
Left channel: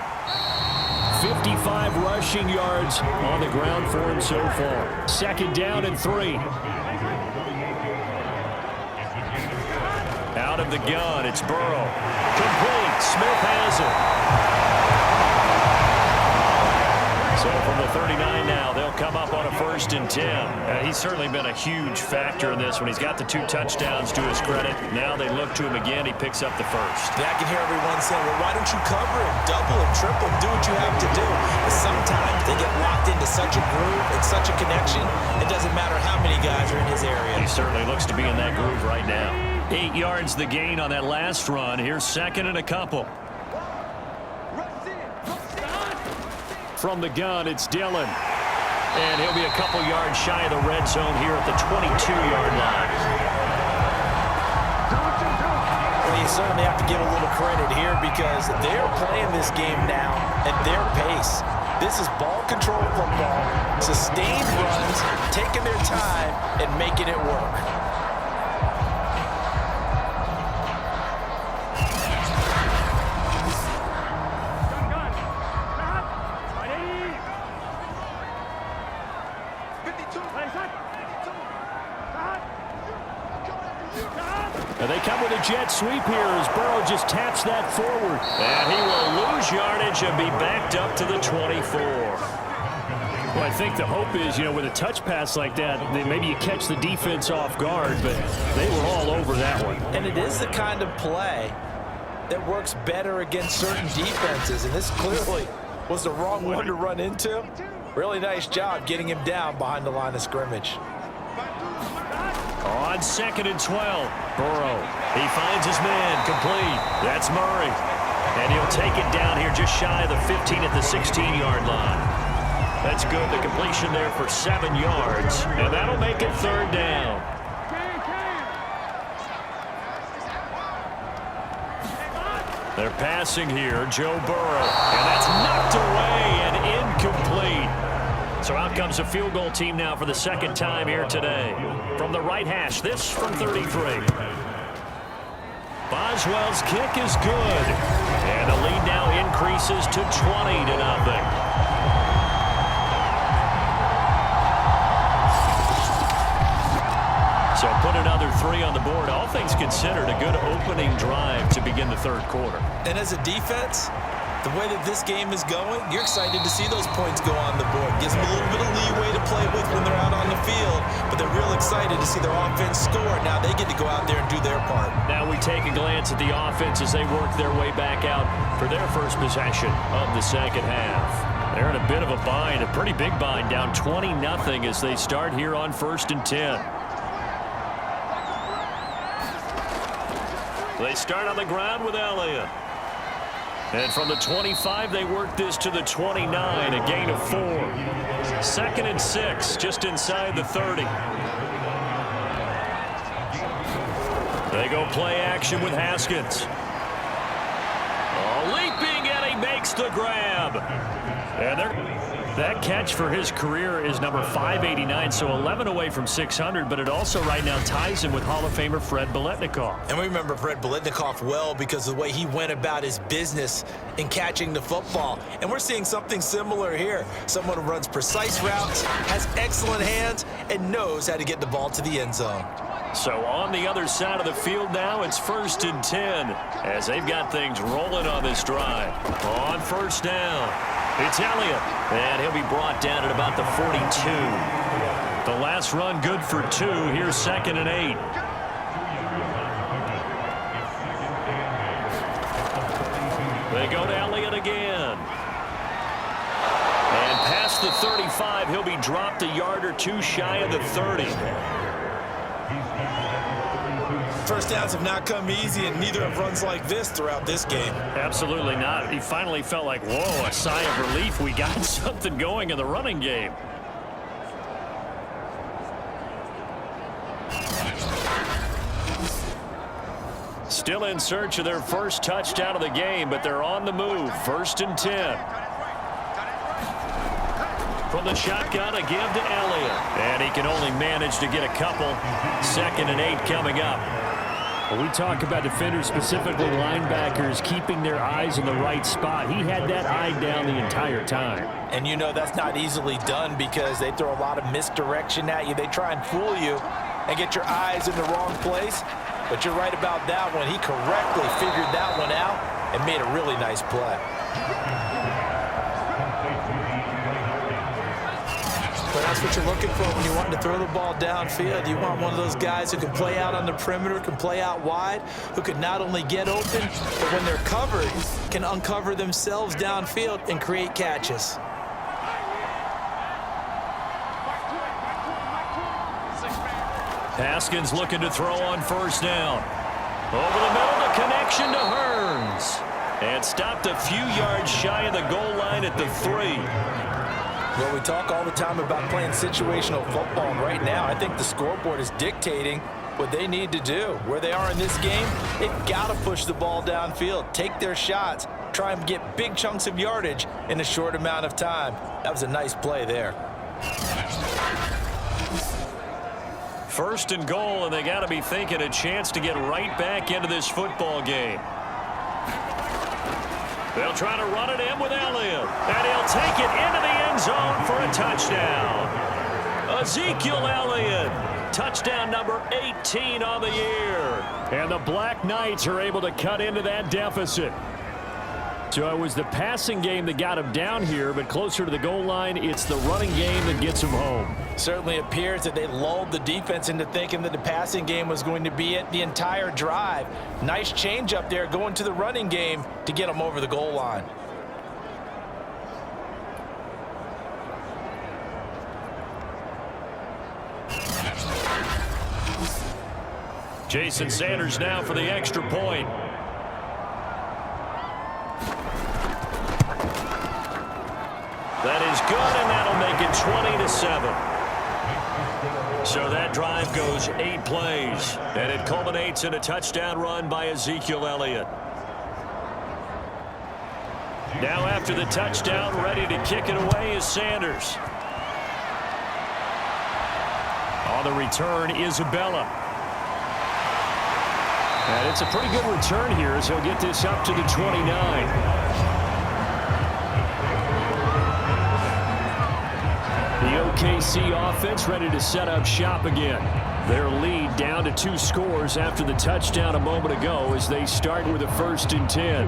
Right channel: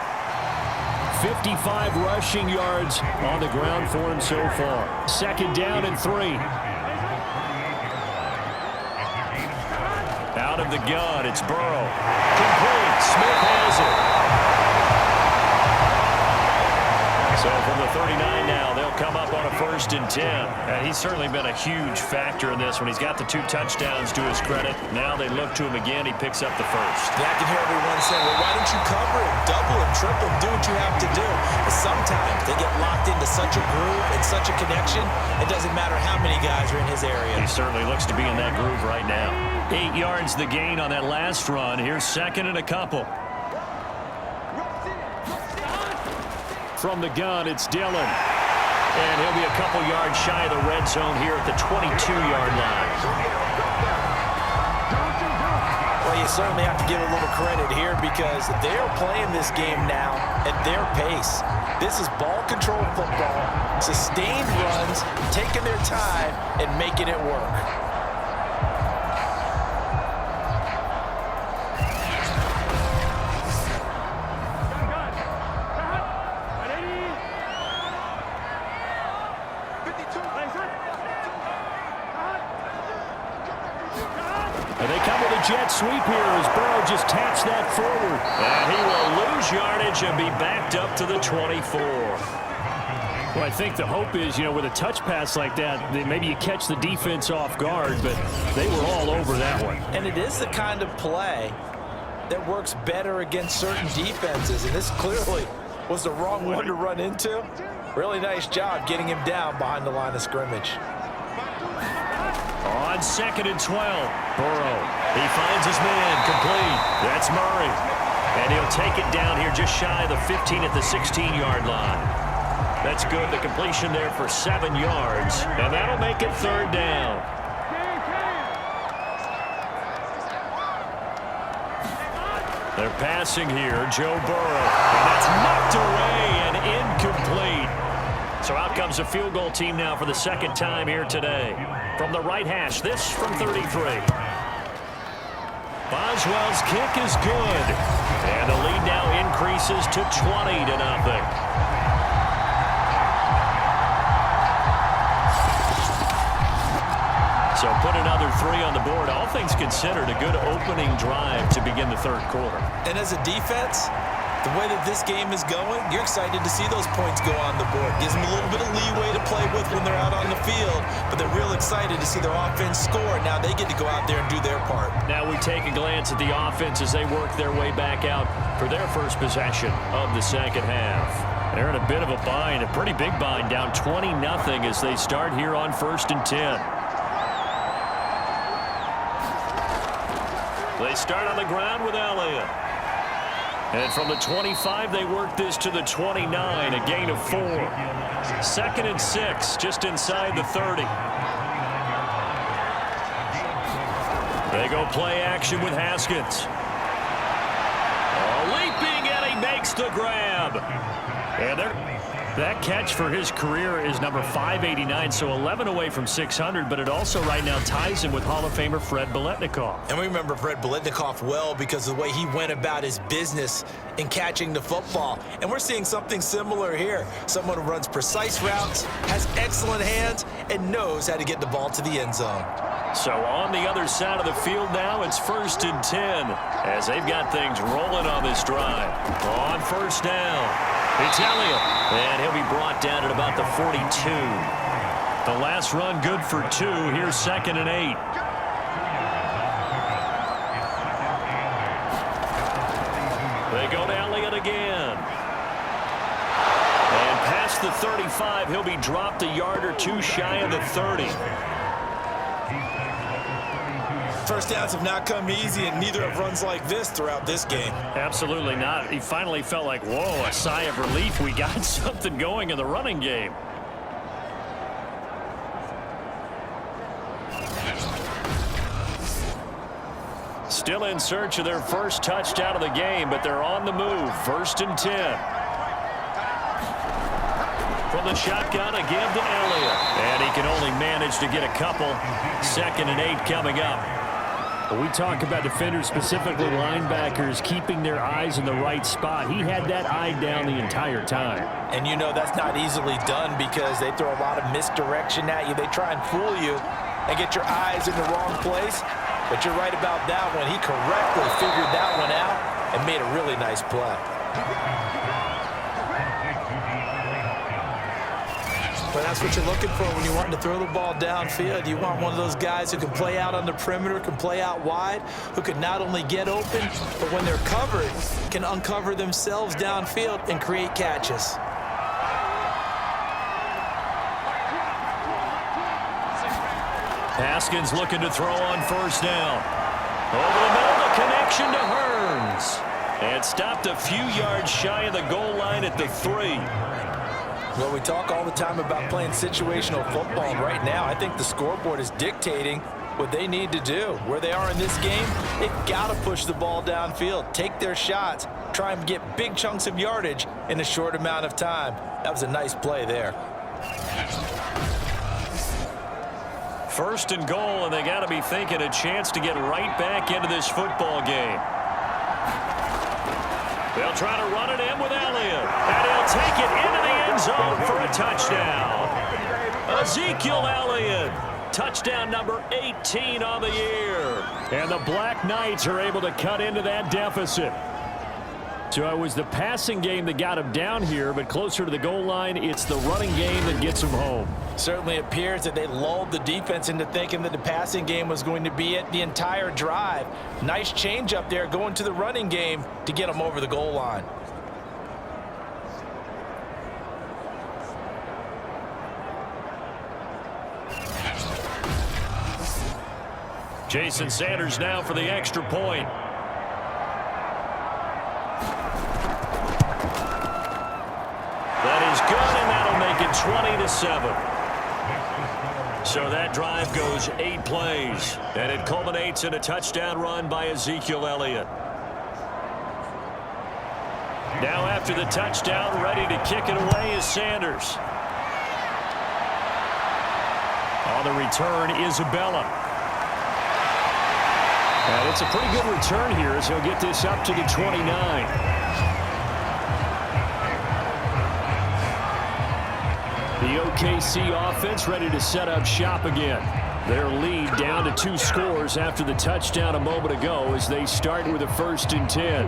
55 rushing yards on the ground for him so far. Second down and 3. Out of the gun, it's Burrow. Complete. Smith has it. So from the 39 now, they'll come up on a 1st and 10. And he's certainly been a huge factor in this when he's got the 2 touchdowns to his credit. Now they look to him again. He picks up the 1st. Yeah, I can hear everyone saying, well, why don't you cover him, double him, triple him, do what you have to do. But sometimes they get locked into such a groove and such a connection, it doesn't matter how many guys are in his area. He certainly looks to be in that groove right now. 8 yards the gain on that last run. Here's 2nd and a couple. From the gun, it's Dillon. And he'll be a couple yards shy of the red zone here at the 22-yard line. Well, you certainly have to give a little credit here, because they're playing this game now at their pace. This is ball control football, sustained runs, taking their time and making it work. And they come with a jet sweep here as Burrow just taps that forward. And he will lose yardage and be backed up to the 24. Well, I think the hope is, with a touch pass like that, maybe you catch the defense off guard, but they were all over that one. And it is the kind of play that works better against certain defenses, and this clearly was the wrong one to run into. Really nice job getting him down behind the line of scrimmage. On 2nd and 12, Burrow. He finds his man, complete. That's Murray. And he'll take it down here just shy of the 15 at the 16-yard line. That's good. The completion there for 7 yards. And that'll make it 3rd down. They're passing here, Joe Burrow. And that's knocked away and incomplete. So out comes a field goal team now for the 2nd time here today. From the right hash, this from 33. Boswell's kick is good. And the lead now increases to 20-0. So put another 3 on the board. All things considered, a good opening drive to begin the 3rd quarter. And as a defense, the way that this game is going, you're excited to see those points go on the board. Gives them a little bit of leeway to play with when they're out on the field, but they're real excited to see their offense score. Now they get to go out there and do their part. Now we take a glance at the offense as they work their way back out for their first possession of the 2nd half. They're in a bit of a bind, a pretty big bind, down 20-0 as they start here on 1st and 10. They start on the ground with Elliott. And from the 25, they work this to the 29, a gain of 4. 2nd and 6, just inside the 30. They go play action with Haskins. Oh, leaping, and he makes the grab. And that catch for his career is number 589, so 11 away from 600, but it also right now ties him with Hall of Famer Fred Biletnikoff. And we remember Fred Biletnikoff well because of the way he went about his business in catching the football. And we're seeing something similar here. Someone who runs precise routes, has excellent hands, and knows how to get the ball to the end zone. So on the other side of the field now, it's 1st and 10 as they've got things rolling on this drive. On first down, it's Elliott, and he'll be brought down at about the 42. The last run good for 2. Here's 2nd and 8. They go to Elliott again. And past the 35, he'll be dropped a yard or 2 shy of the 30. First downs have not come easy, and neither have runs like this throughout this game. Absolutely not. He finally felt like, whoa, a sigh of relief. We got something going in the running game. Still in search of their first touchdown of the game, but they're on the move. 1st and 10. From the shotgun, a give to Elliott. And he can only manage to get a couple. 2nd and 8 coming up. We talk about defenders, specifically linebackers, keeping their eyes in the right spot. He had that eye down the entire time. And you know that's not easily done because they throw a lot of misdirection at you. They try and fool you and get your eyes in the wrong place. But you're right about that one. He correctly figured that one out and made a really nice play. But that's what you're looking for when you're wanting to throw the ball downfield. You want one of those guys who can play out on the perimeter, can play out wide, who can not only get open, but when they're covered, can uncover themselves downfield and create catches. Haskins looking to throw on first down. Over the middle, the connection to Hearns. And stopped a few yards shy of the goal line at the 3. Well, we talk all the time about playing situational football, and right now I think the scoreboard is dictating what they need to do. Where they are in this game, they've got to push the ball downfield, take their shots, try and get big chunks of yardage in a short amount of time. That was a nice play there. 1st and goal, and they got to be thinking a chance to get right back into this football game. They'll try to run it in with Elliott, and he'll take it into the end zone for a touchdown. Ezekiel Elliott, touchdown number 18 on the year. And the Black Knights are able to cut into that deficit. So it was the passing game that got him down here, but closer to the goal line, it's the running game that gets him home. Certainly appears that they lulled the defense into thinking that the passing game was going to be it the entire drive. Nice change up there going to the running game to get them over the goal line. Jason Sanders now for the extra point. That is good, and that'll make it 20-7. So that drive goes 8 plays, and it culminates in a touchdown run by Ezekiel Elliott. Now after the touchdown, ready to kick it away is Sanders. On the return, Isabella. And it's a pretty good return here as he'll get this up to the 29. The OKC offense ready to set up shop again. Their lead down to 2 scores after the touchdown a moment ago as they start with a 1st and 10.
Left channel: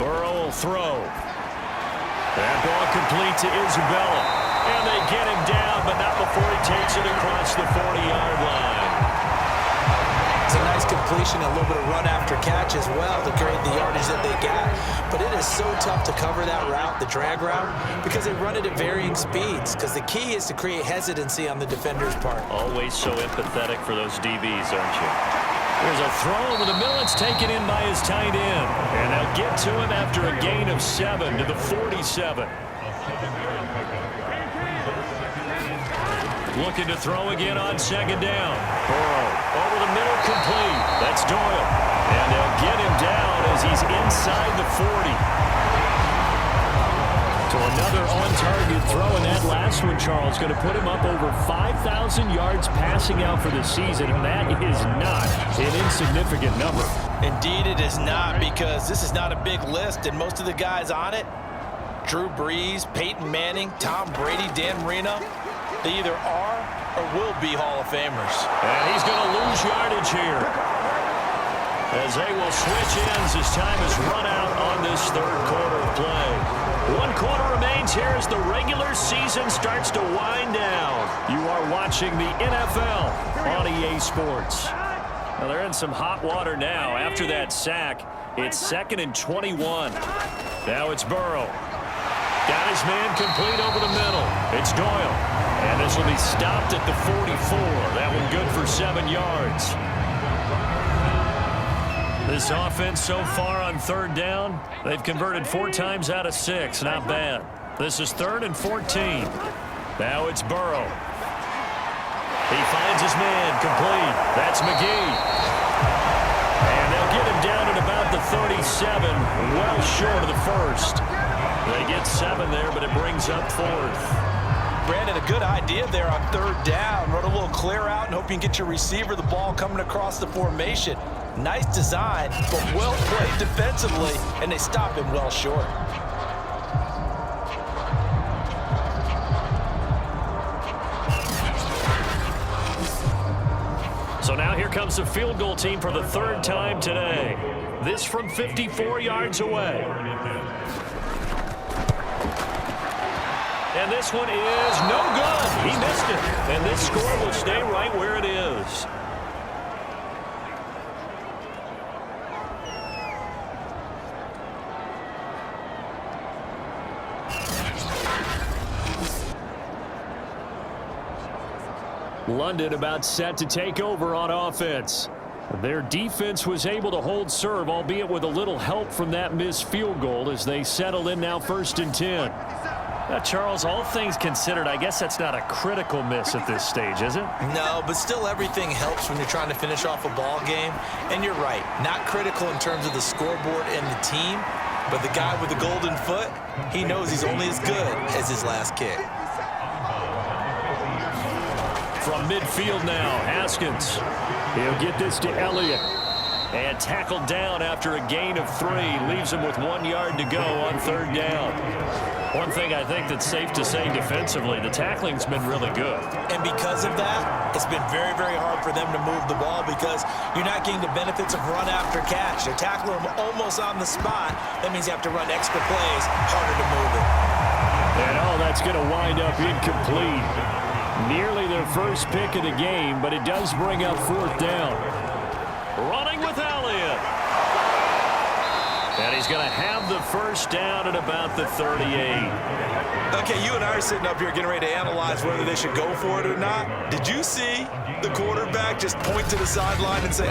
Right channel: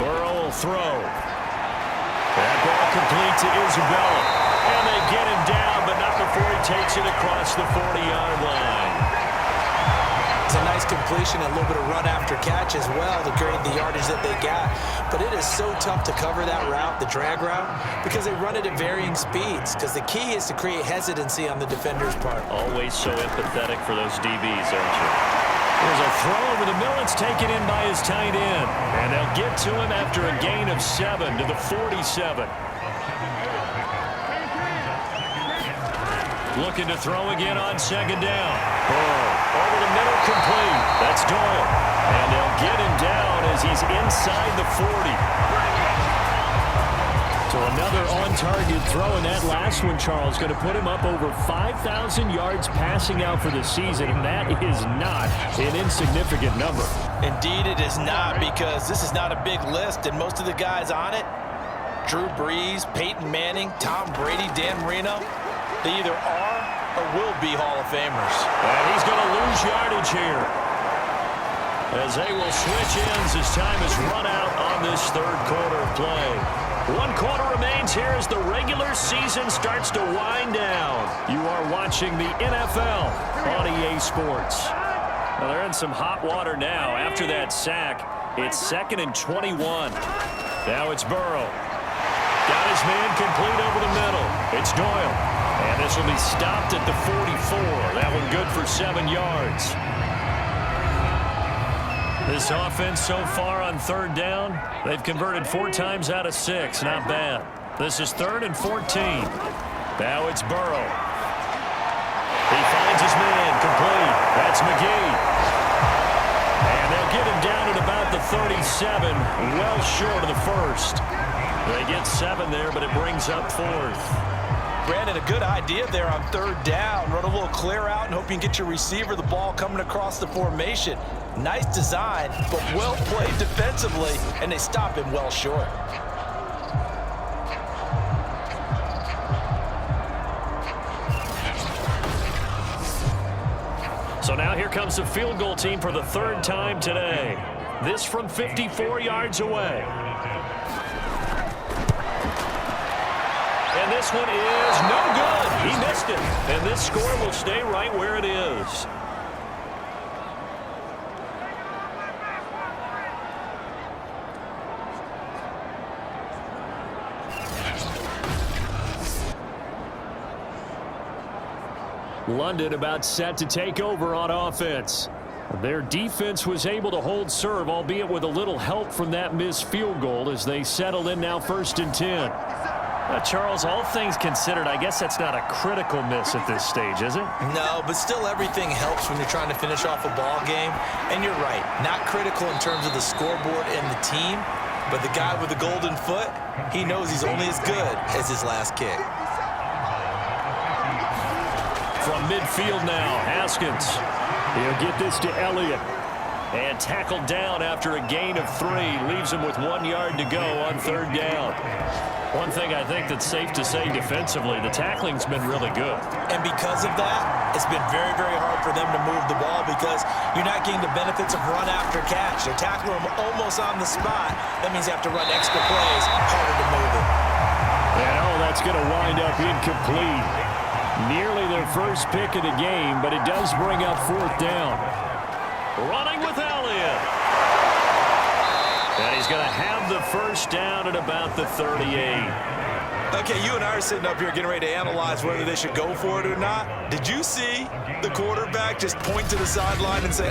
Burrow will throw. That ball complete to Isabella. And they get him down, but not before he takes it across the 40-yard line. It's a nice completion, a little bit of run after catch as well to create the yardage that they got. But it is so tough to cover that route, the drag route, because they run it at varying speeds. Because the key is to create hesitancy on the defender's part. Always so empathetic for those DBs, aren't you? There's a throw over the middle. It's taken in by his tight end. And they'll get to him after a gain of 7 to the 47. Looking to throw again on second down. Burrow over the middle, complete. That's Doyle. And they'll get him down as he's inside the 40. So another on-target throw, and that last one, Charles, going to put him up over 5,000 yards passing out for the season, and that is not an insignificant number. Indeed it is not, because this is not a big list, and most of the guys on it, Drew Brees, Peyton Manning, Tom Brady, Dan Marino, they either are or will be Hall of Famers. And he's going to lose yardage here, as they will switch ends as time is run out on this third quarter of play. 1 quarter remains here as the regular season starts to wind down. You are watching the NFL on EA Sports. Well, they're in some hot water now. After that sack, it's 2nd and 21. Now it's Burrow. Got his man complete over the middle. It's Doyle. And this will be stopped at the 44. That one good for 7 yards. This offense so far on third down, they've converted 4 times out of 6. Not bad. This is 3rd and 14. Now it's Burrow. He finds his man complete. That's McGee. And they'll get him down at about the 37, well short of the first. They get 7 there, but it brings up 4th. Brandon, a good idea there on third down. Run a little clear out and hope you can get your receiver the ball coming across the formation. Nice design, but well played defensively, and they stop him well short. So now here comes the field goal team for the 3rd time today. This from 54 yards away. And this one is no good. He missed it. And this score will stay right where it is. London about set to take over on offense. Their defense was able to hold serve, albeit with a little help from that missed field goal as they settle in now 1st and 10. Charles, all things considered, I guess that's not a critical miss at this stage, is it? No, but still everything helps when you're trying to finish off a ball game. And you're right, not critical in terms of the scoreboard and the team, but the guy with the golden foot, he knows he's only as good as his last kick. From midfield now, Haskins. He'll get this to Elliott. And tackled down after a gain of 3. Leaves him with 1 yard to go on third down. One thing I think that's safe to say defensively, the tackling's been really good. And because of that, it's been very, very hard for them to move the ball because you're not getting the benefits of run after catch. They're tackling them almost on the spot. That means you have to run extra plays, harder to move it. And that's going to wind up incomplete. Nearly their first pick of the game, but it does bring up 4th down. Running with Elliott. And he's going to have the first down at about the 38. Okay, you and I are sitting up here getting ready to analyze whether they should go for it or not. Did you see the quarterback just point to the sideline and say,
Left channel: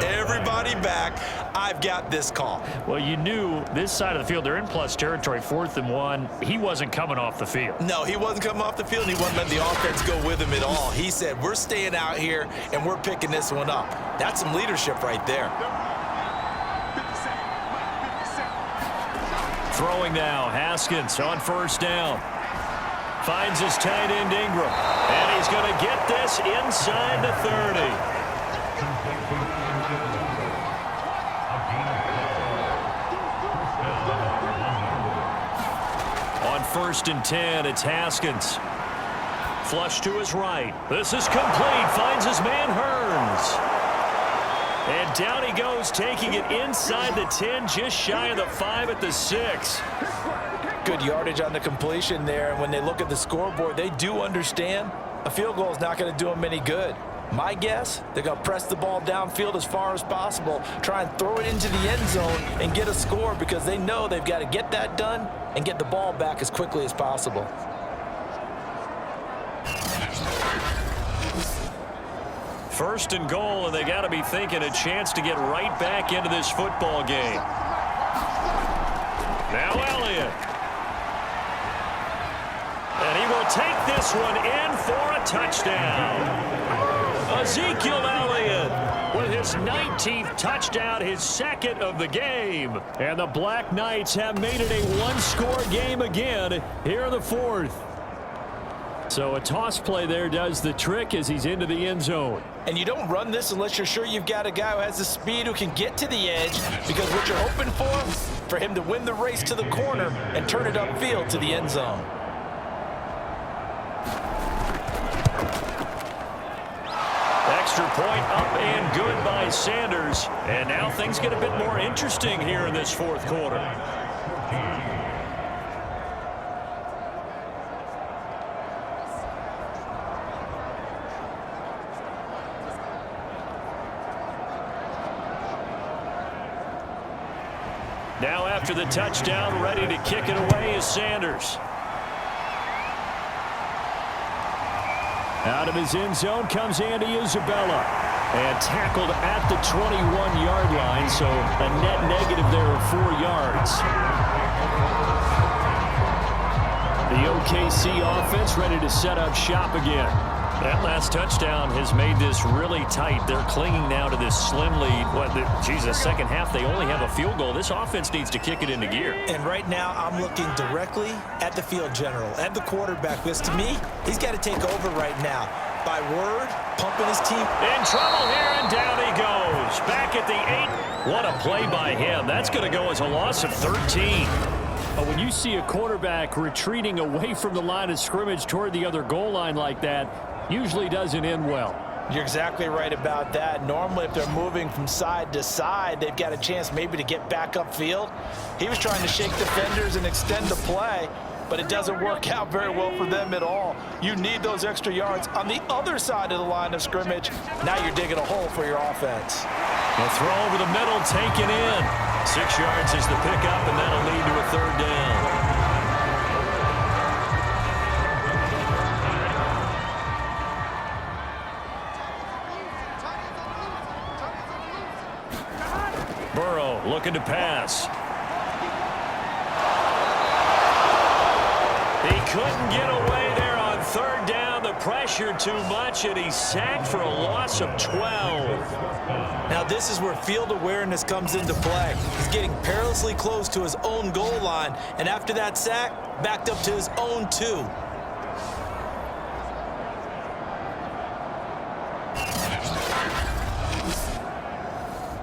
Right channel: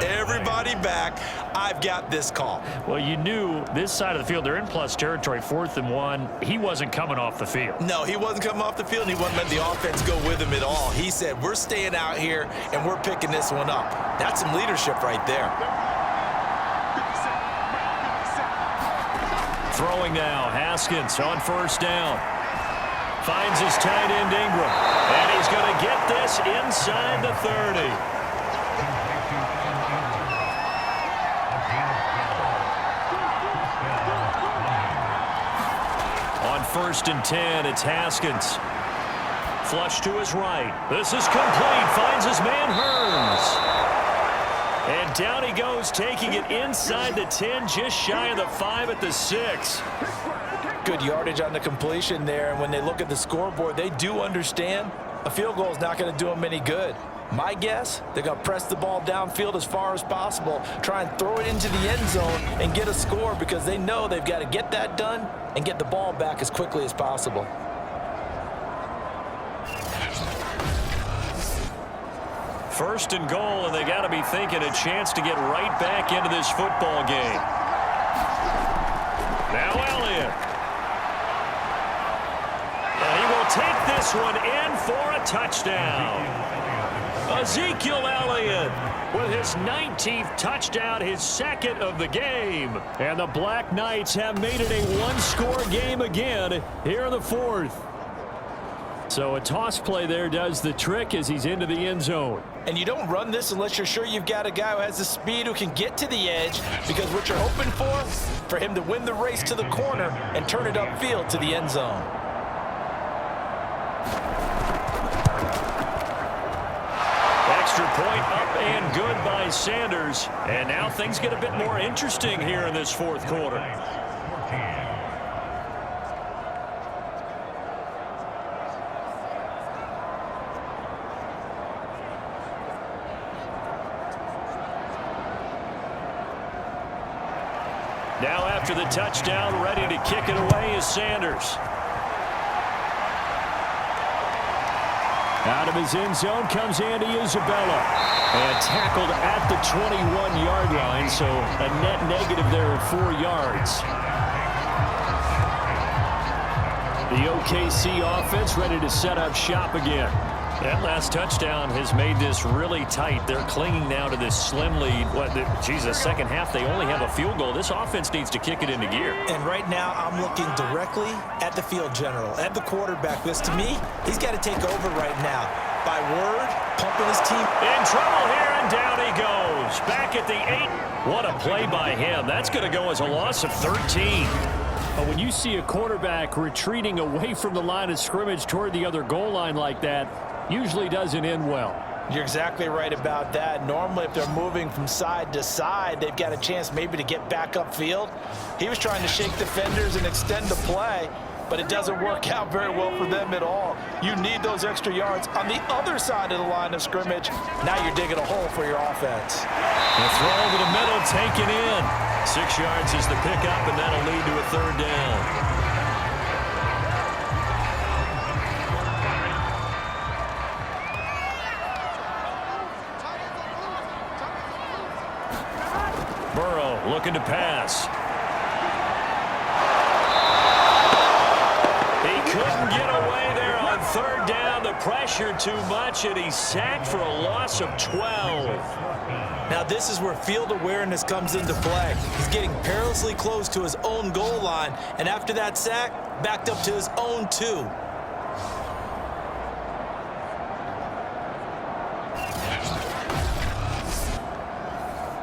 everybody back, I've got this call? Well, you knew this side of the field, they're in plus territory, 4th and 1. He wasn't coming off the field. No, he wasn't coming off the field. He wasn't letting the offense go with him at all. He said, we're staying out here, and we're picking this one up. That's some leadership right there. Throwing now, Haskins on 1st down. Finds his tight end Ingram. And he's going to get this inside the 30. On 1st and 10, it's Haskins. Flush to his right. This is complete. Finds his man Hearns. And down he goes, taking it inside the 10, just shy of the 5 at the 6. Good yardage on the completion there, and when they look at the scoreboard, they do understand a field goal is not going to do them any good. My guess, they're going to press the ball downfield as far as possible, try and throw it into the end zone and get a score because they know they've got to get that done and get the ball back as quickly as possible. First and goal, and they got to be thinking a chance to get right back into this football game. Now Elliott. And he will take this one in for a touchdown. Ezekiel Elliott with his 19th touchdown, his second of the game. And the Black Knights have made it a one-score game again here in the fourth. So a toss play there does the trick as he's into the end zone. And you don't run this unless you're sure you've got a guy who has the speed who can get to the edge, because what you're hoping for him to win the race to the corner and turn it upfield to the end zone. Extra point up and good by Sanders. And now things get a bit more interesting here in this fourth quarter. Now after the touchdown, ready to kick it away is Sanders. Out of his end zone comes Andy Isabella. And tackled at the 21-yard line, so a net negative there of 4 yards. The OKC offense ready to set up shop again. That last touchdown has made this really tight. They're clinging now to this slim lead. The second half, they only have a field goal. This offense needs to kick it into gear. And right now, I'm looking directly at the field general, at the quarterback, because to me, he's got to take over right now. By word, pumping his team. In trouble here, and down he goes. Back at the 8. What a play by him. That's going to go as a loss of 13. But when you see a quarterback retreating away from the line of scrimmage toward the other goal line like that, usually doesn't end well. You're exactly right about that. Normally, if they're moving from side to side, they've got a chance maybe to get back upfield. He was trying to shake defenders and extend the play, but it doesn't work out very well for them at all. You need those extra yards on the other side of the line of scrimmage. Now you're digging a hole for your offense. A throw over the middle, taken in. 6 yards is the pickup, and that'll lead to a third down. Burrow looking to pass. He couldn't get away there on third down. The pressure too much, and he's sacked for a loss of 12. Now this is where field awareness comes into play. He's getting perilously close to his own goal line, and after that sack, backed up to his own 2.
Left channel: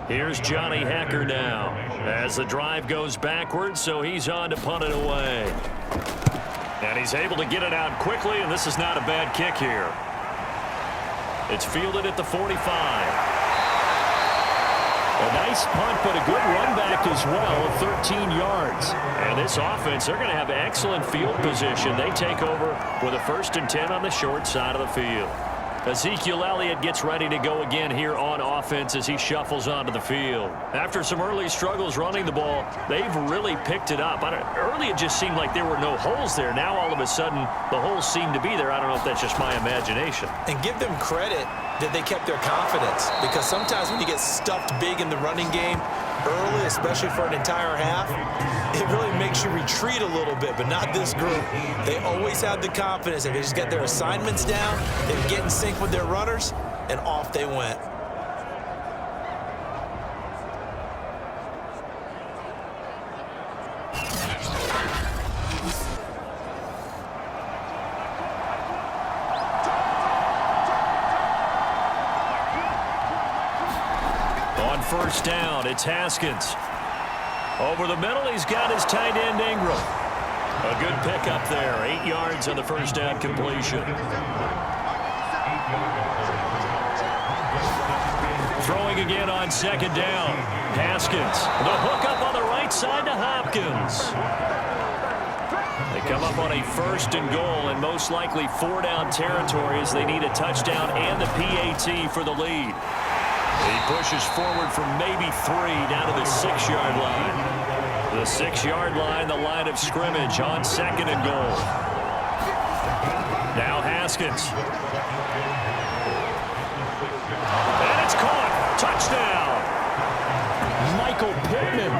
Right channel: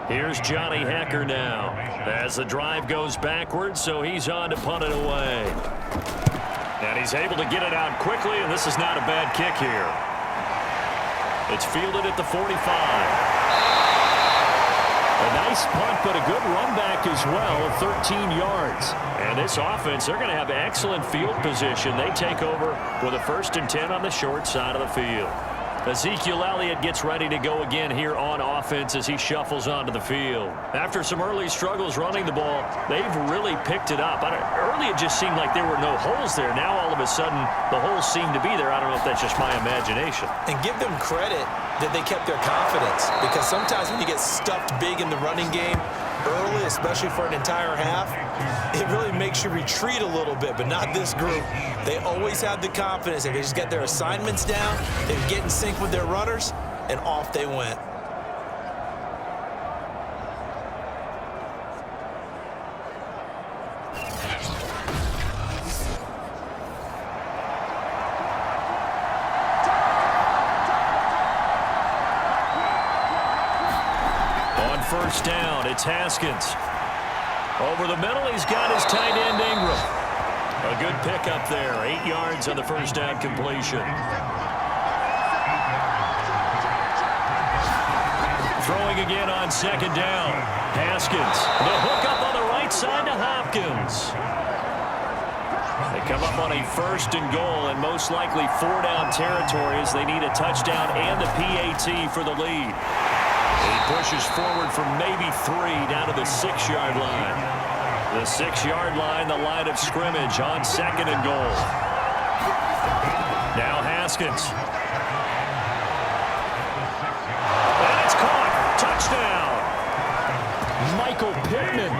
Here's Johnny Hecker now as the drive goes backwards, so he's on to punt it away. And he's able to get it out quickly, and this is not a bad kick here. It's fielded at the 45. A nice punt, but a good run back as well of 13 yards. And this offense, they're going to have excellent field position. They take over with a 1st and 10 on the short side of the field. Ezekiel Elliott gets ready to go again here on offense as he shuffles onto the field. After some early struggles running the ball, they've really picked it up. Early it just seemed like there were no holes there. Now all of a sudden the holes seem to be there. I don't know if that's just my imagination. And give them credit that they kept their confidence, because sometimes when you get stuffed big in the running game early, especially for an entire half, it really makes you retreat a little bit, but not this group. They always had the confidence. If they just get their assignments down, they would get in sync with their runners, and off they went. On first down, it's Haskins. Over the middle, he's got his tight end Ingram. A good pickup there. 8 yards on the first down completion. Throwing again on second down. Haskins. The hookup on the right side to Hopkins. They come up on a 1st and goal, and most likely 4-down territory as they need a touchdown and the PAT for the lead. He pushes forward from maybe 3 down to the 6-yard line. The 6-yard line, the line of scrimmage on 2nd and goal. Now Haskins. Touchdown! Michael Pittman,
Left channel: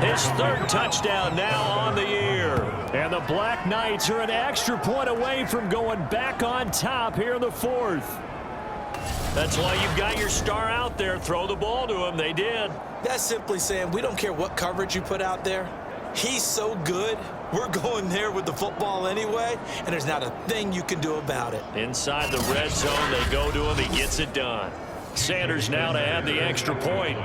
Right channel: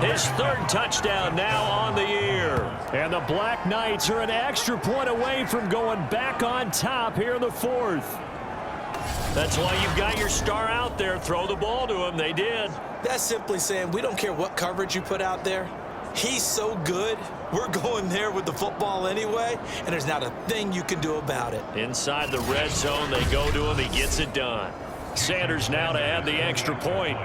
his third touchdown now on the year. And the Black Knights are an extra point away from going back on top here in the fourth. That's why you've got your star out there. Throw the ball to him. They did. That's simply saying we don't care what coverage you put out there. He's so good, we're going there with the football anyway, and there's not a thing you can do about it. Inside the red zone, they go to him. He gets it done. Sanders now to add the extra point.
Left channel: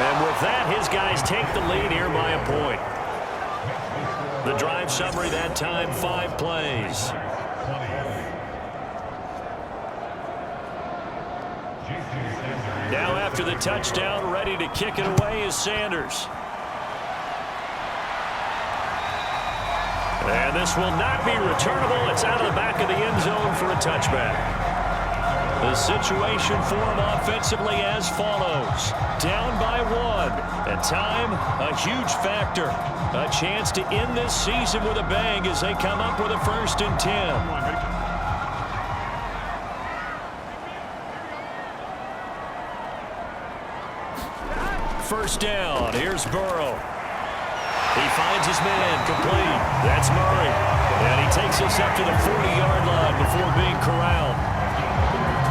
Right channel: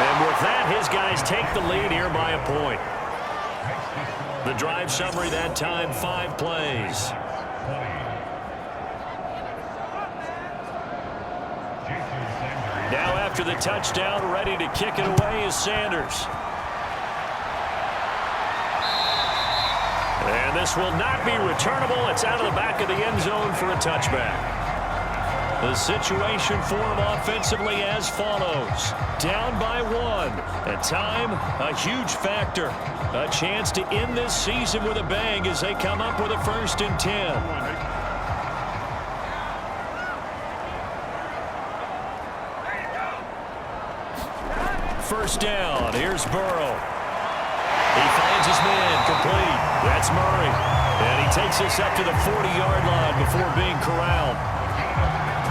And with that, his guys take the lead here by a point. The drive summary that time, 5 plays. Now after the touchdown, ready to kick it away is Sanders. And this will not be returnable. It's out of the back of the end zone for a touchback. The situation for him offensively as follows. Down by 1. And time, a huge factor. A chance to end this season with a bang as they come up with a 1st and 10. First down. Here's Burrow. He finds his man complete. That's Murray. And he takes us up to the 40-yard line before being corralled.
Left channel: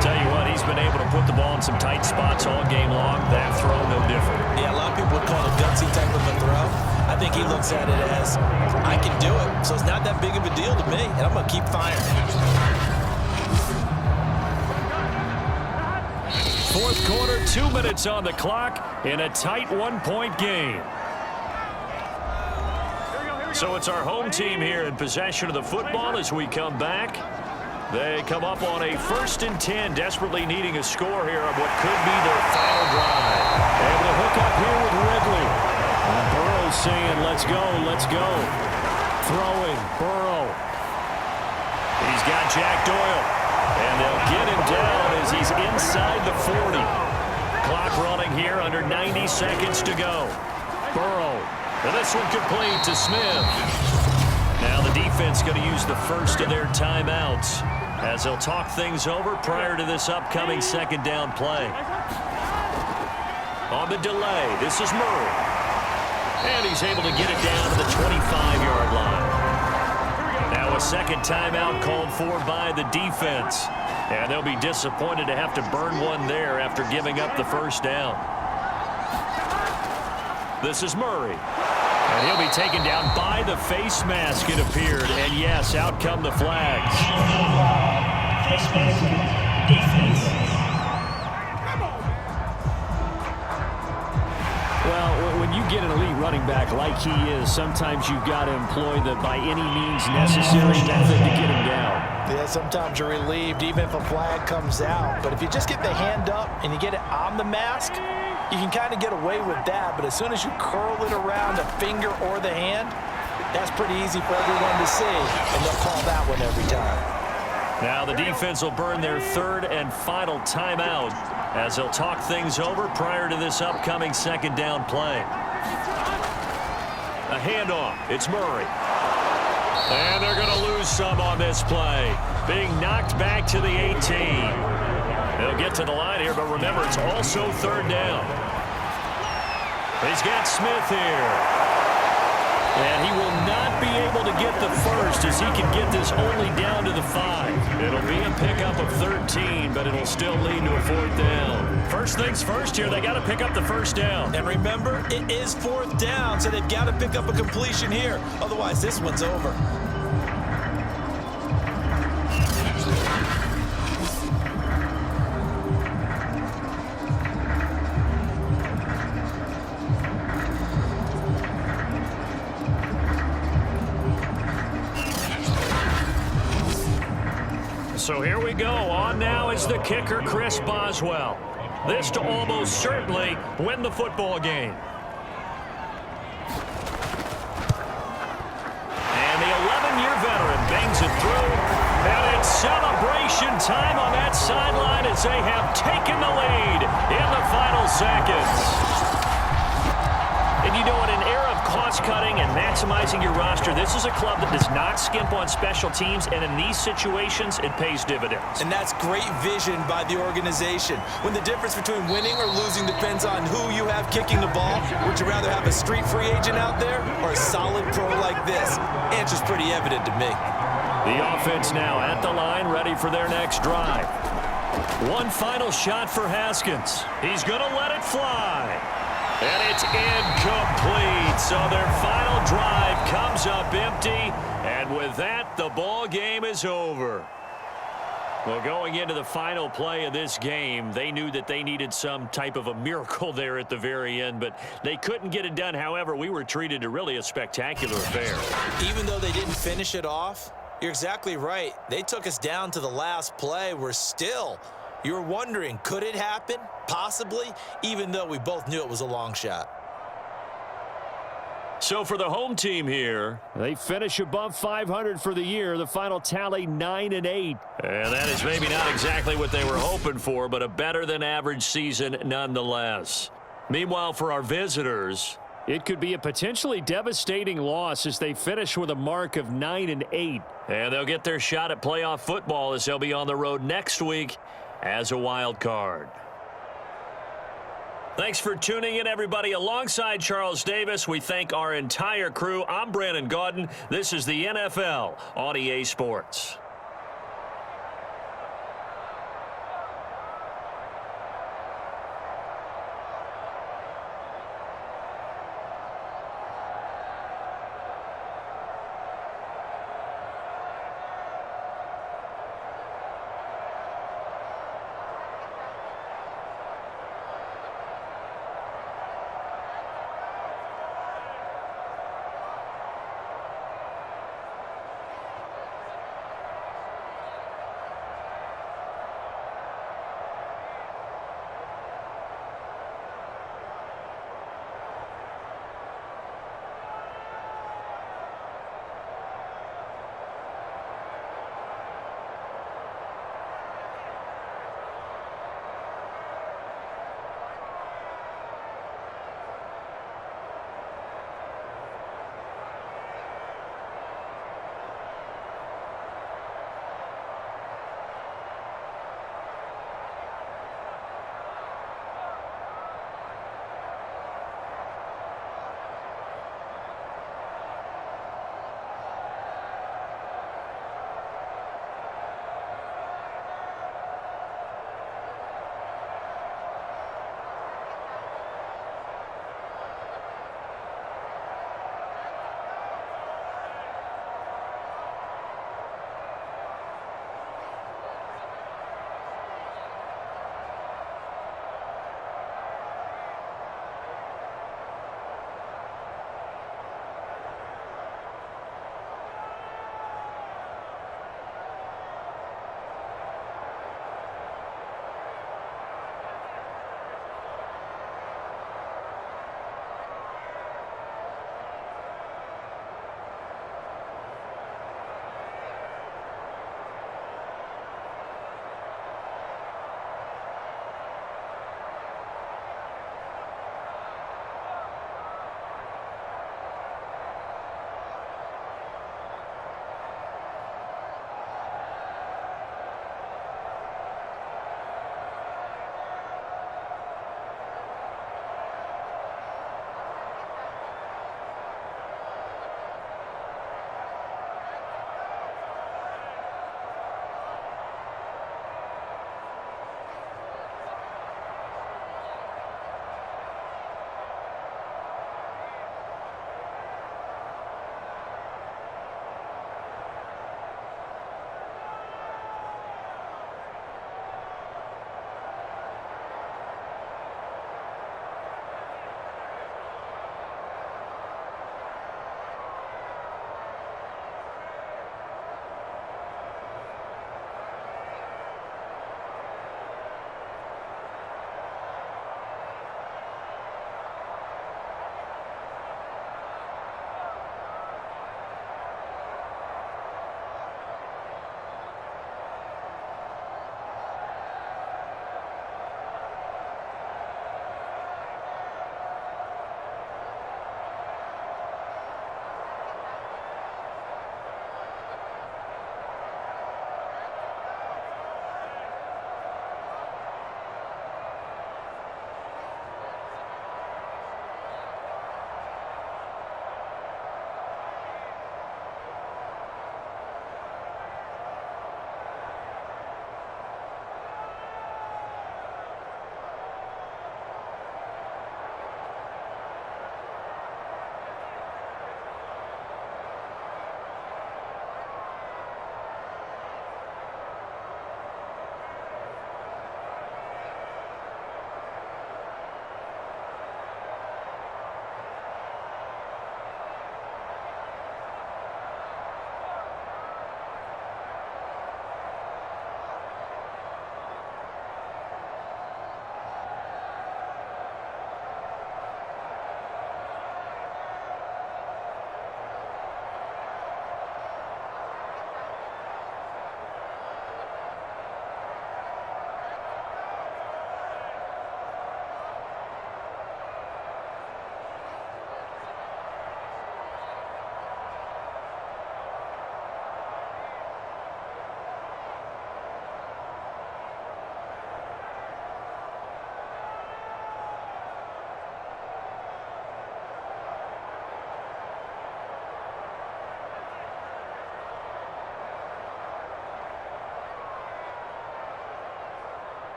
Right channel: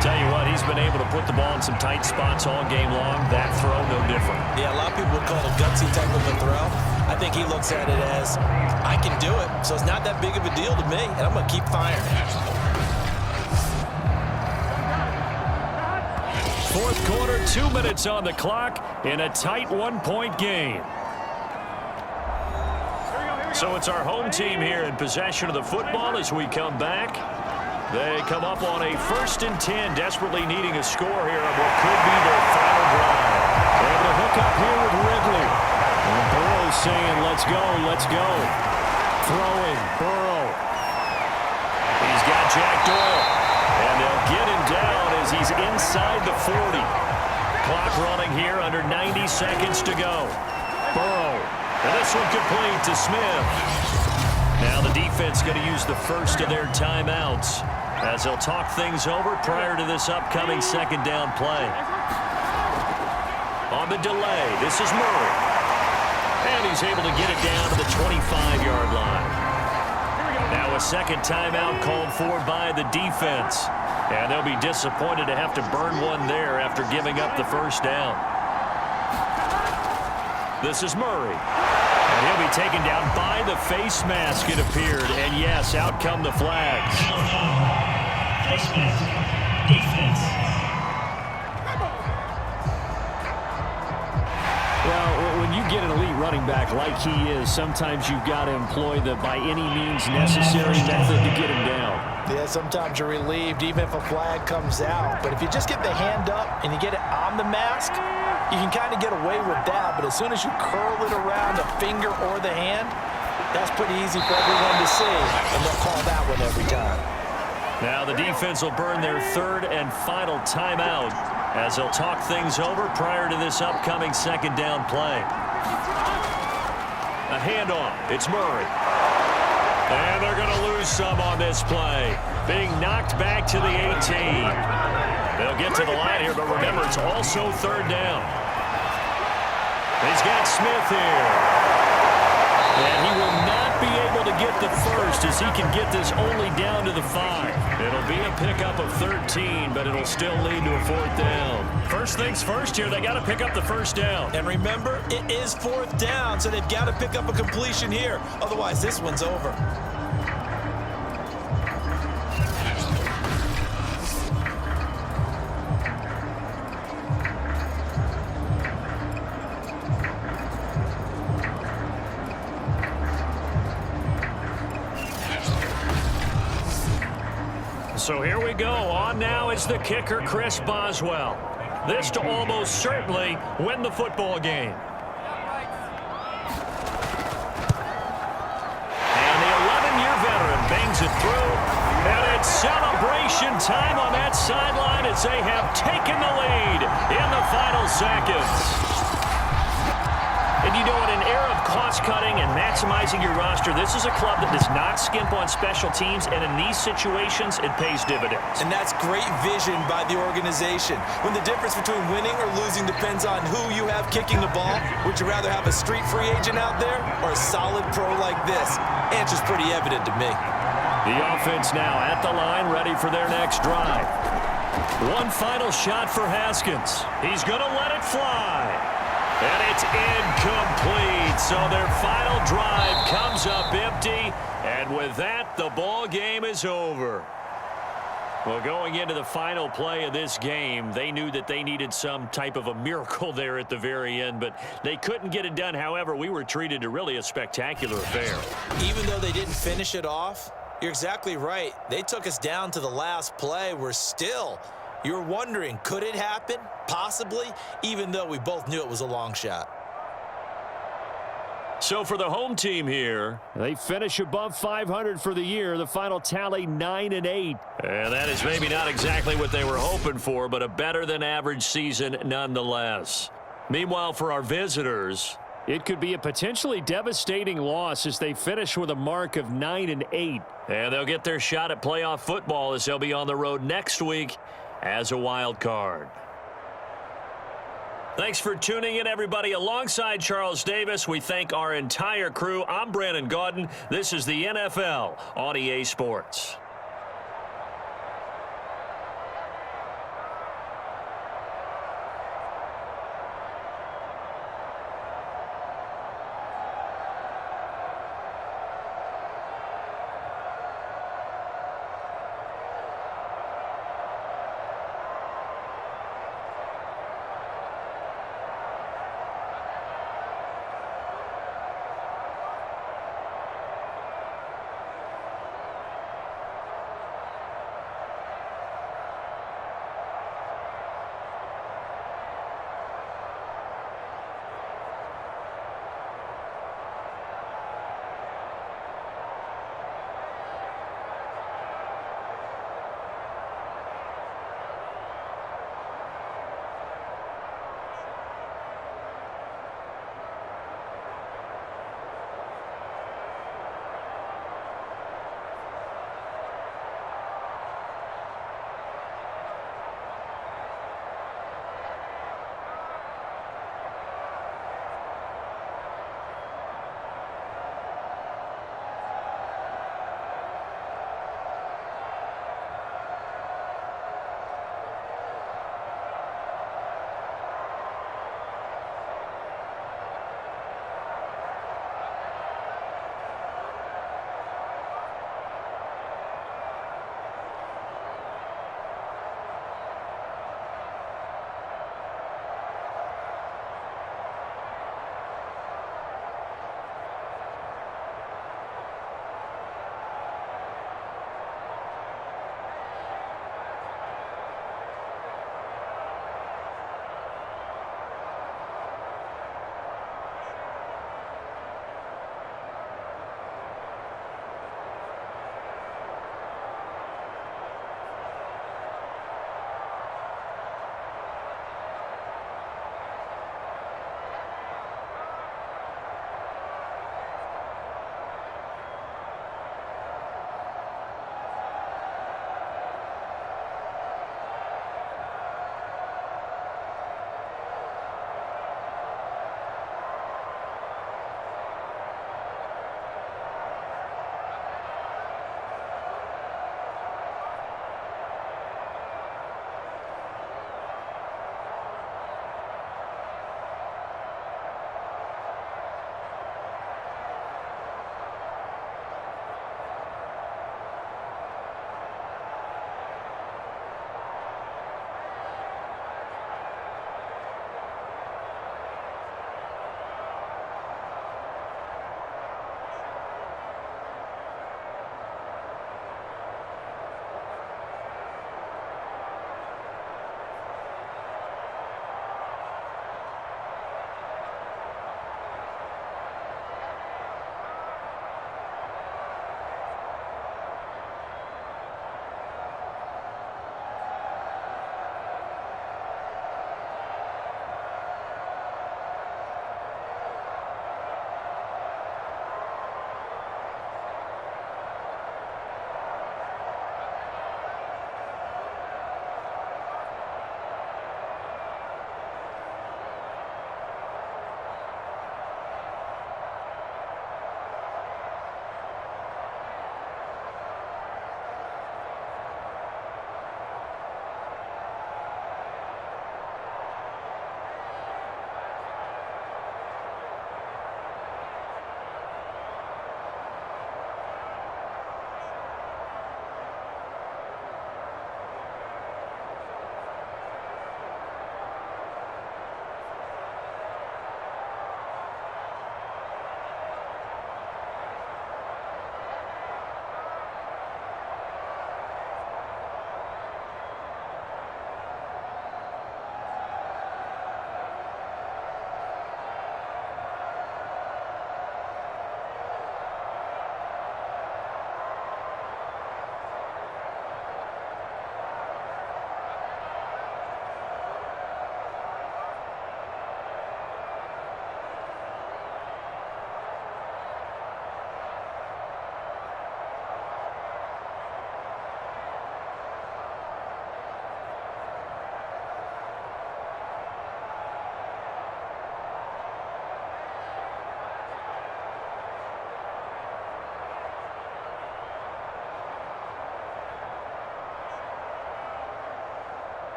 Tell you what, he's been able to put the ball in some tight spots all game long. That throw, no different. Yeah, a lot of people would call it a gutsy type of a throw. I think he looks at it as, I can do it, so it's not that big of a deal to me, and I'm going to keep firing. Fourth quarter, 2 minutes on the clock in a tight 1-point game. So it's our home team here in possession of the football as we come back. They come up on a 1st and 10, desperately needing a score here on what could be their final drive. Able to hook up here with Ridley. And Burrow saying, let's go, let's go. Throwing, Burrow. He's got Jack Doyle. And they'll get him down as he's inside the 40. Clock running here, under 90 seconds to go. Burrow. And this one complete to Smith. Now the defense going to use the first of their timeouts as they'll talk things over prior to this upcoming 2nd down play. On the delay, this is Murray. And he's able to get it down to the 25-yard line. Now a 2nd timeout called for by the defense. And they'll be disappointed to have to burn one there after giving up the 1st down. This is Murray. And he'll be taken down by the face mask, it appeared. And yes, out come the flags. Face mask, defense. Well, when you get an elite running back like he is, sometimes you've got to employ the by any means necessary method to get him down. Yeah, sometimes you're relieved even if a flag comes out. But if you just get the hand up and you get it on the mask, you can kind of get away with that. But as soon as you curl it around the finger or the hand, that's pretty easy for everyone to see. And they'll call that one every time. Now the defense will burn their 3rd and final timeout as they'll talk things over prior to this upcoming 2nd down play. A handoff. It's Murray. And they're going to lose some on this play. Being knocked back to the 18. They'll get to the line here, but remember, it's also 3rd down. He's got Smith here. And he will not be able to get the first as he can get this only down to the 5. It'll be a pickup of 13, but it'll still lead to a 4th down. First things first here, they got to pick up the 1st down. And remember, it is 4th down, so they've got to pick up a completion here. Otherwise, this one's over. So here we go. On now is the kicker, Chris Boswell. This to almost certainly win the football game. And the 11-year veteran bangs it through. And it's celebration time on that sideline as they have taken the lead in the final seconds. And you know, in an era of cost-cutting and maximizing your roster, this is a club that does not skimp on special teams, and in these situations, it pays dividends. And that's great vision by the organization. When the difference between winning or losing depends on who you have kicking the ball, would you rather have a street free agent out there or a solid pro like this? Answer's pretty evident to me. The offense now at the line, ready for their next drive. One final shot for Haskins. He's going to let it fly. And it's incomplete. So their final drive comes up empty. And with that, the ball game is over. Well, going into the final play of this game, they knew that they needed some type of a miracle there at the very end, but they couldn't get it done. However, we were treated to really a spectacular affair. Even though they didn't finish it off, you're exactly right. They took us down to the last play. You're wondering, could it happen? Possibly, even though we both knew it was a long shot. So for the home team here, they finish above 500 for the year. The final tally 9-8. And that is maybe not exactly what they were hoping for, but a better than average season nonetheless. Meanwhile, for our visitors, it could be a potentially devastating loss as they finish with a mark of 9-8. And they'll get their shot at playoff football as they'll be on the road next week as a wild card. Thanks for tuning in, everybody. Alongside Charles Davis, we thank our entire crew. I'm Brandon Gaudin. This is the NFL on EA Sports.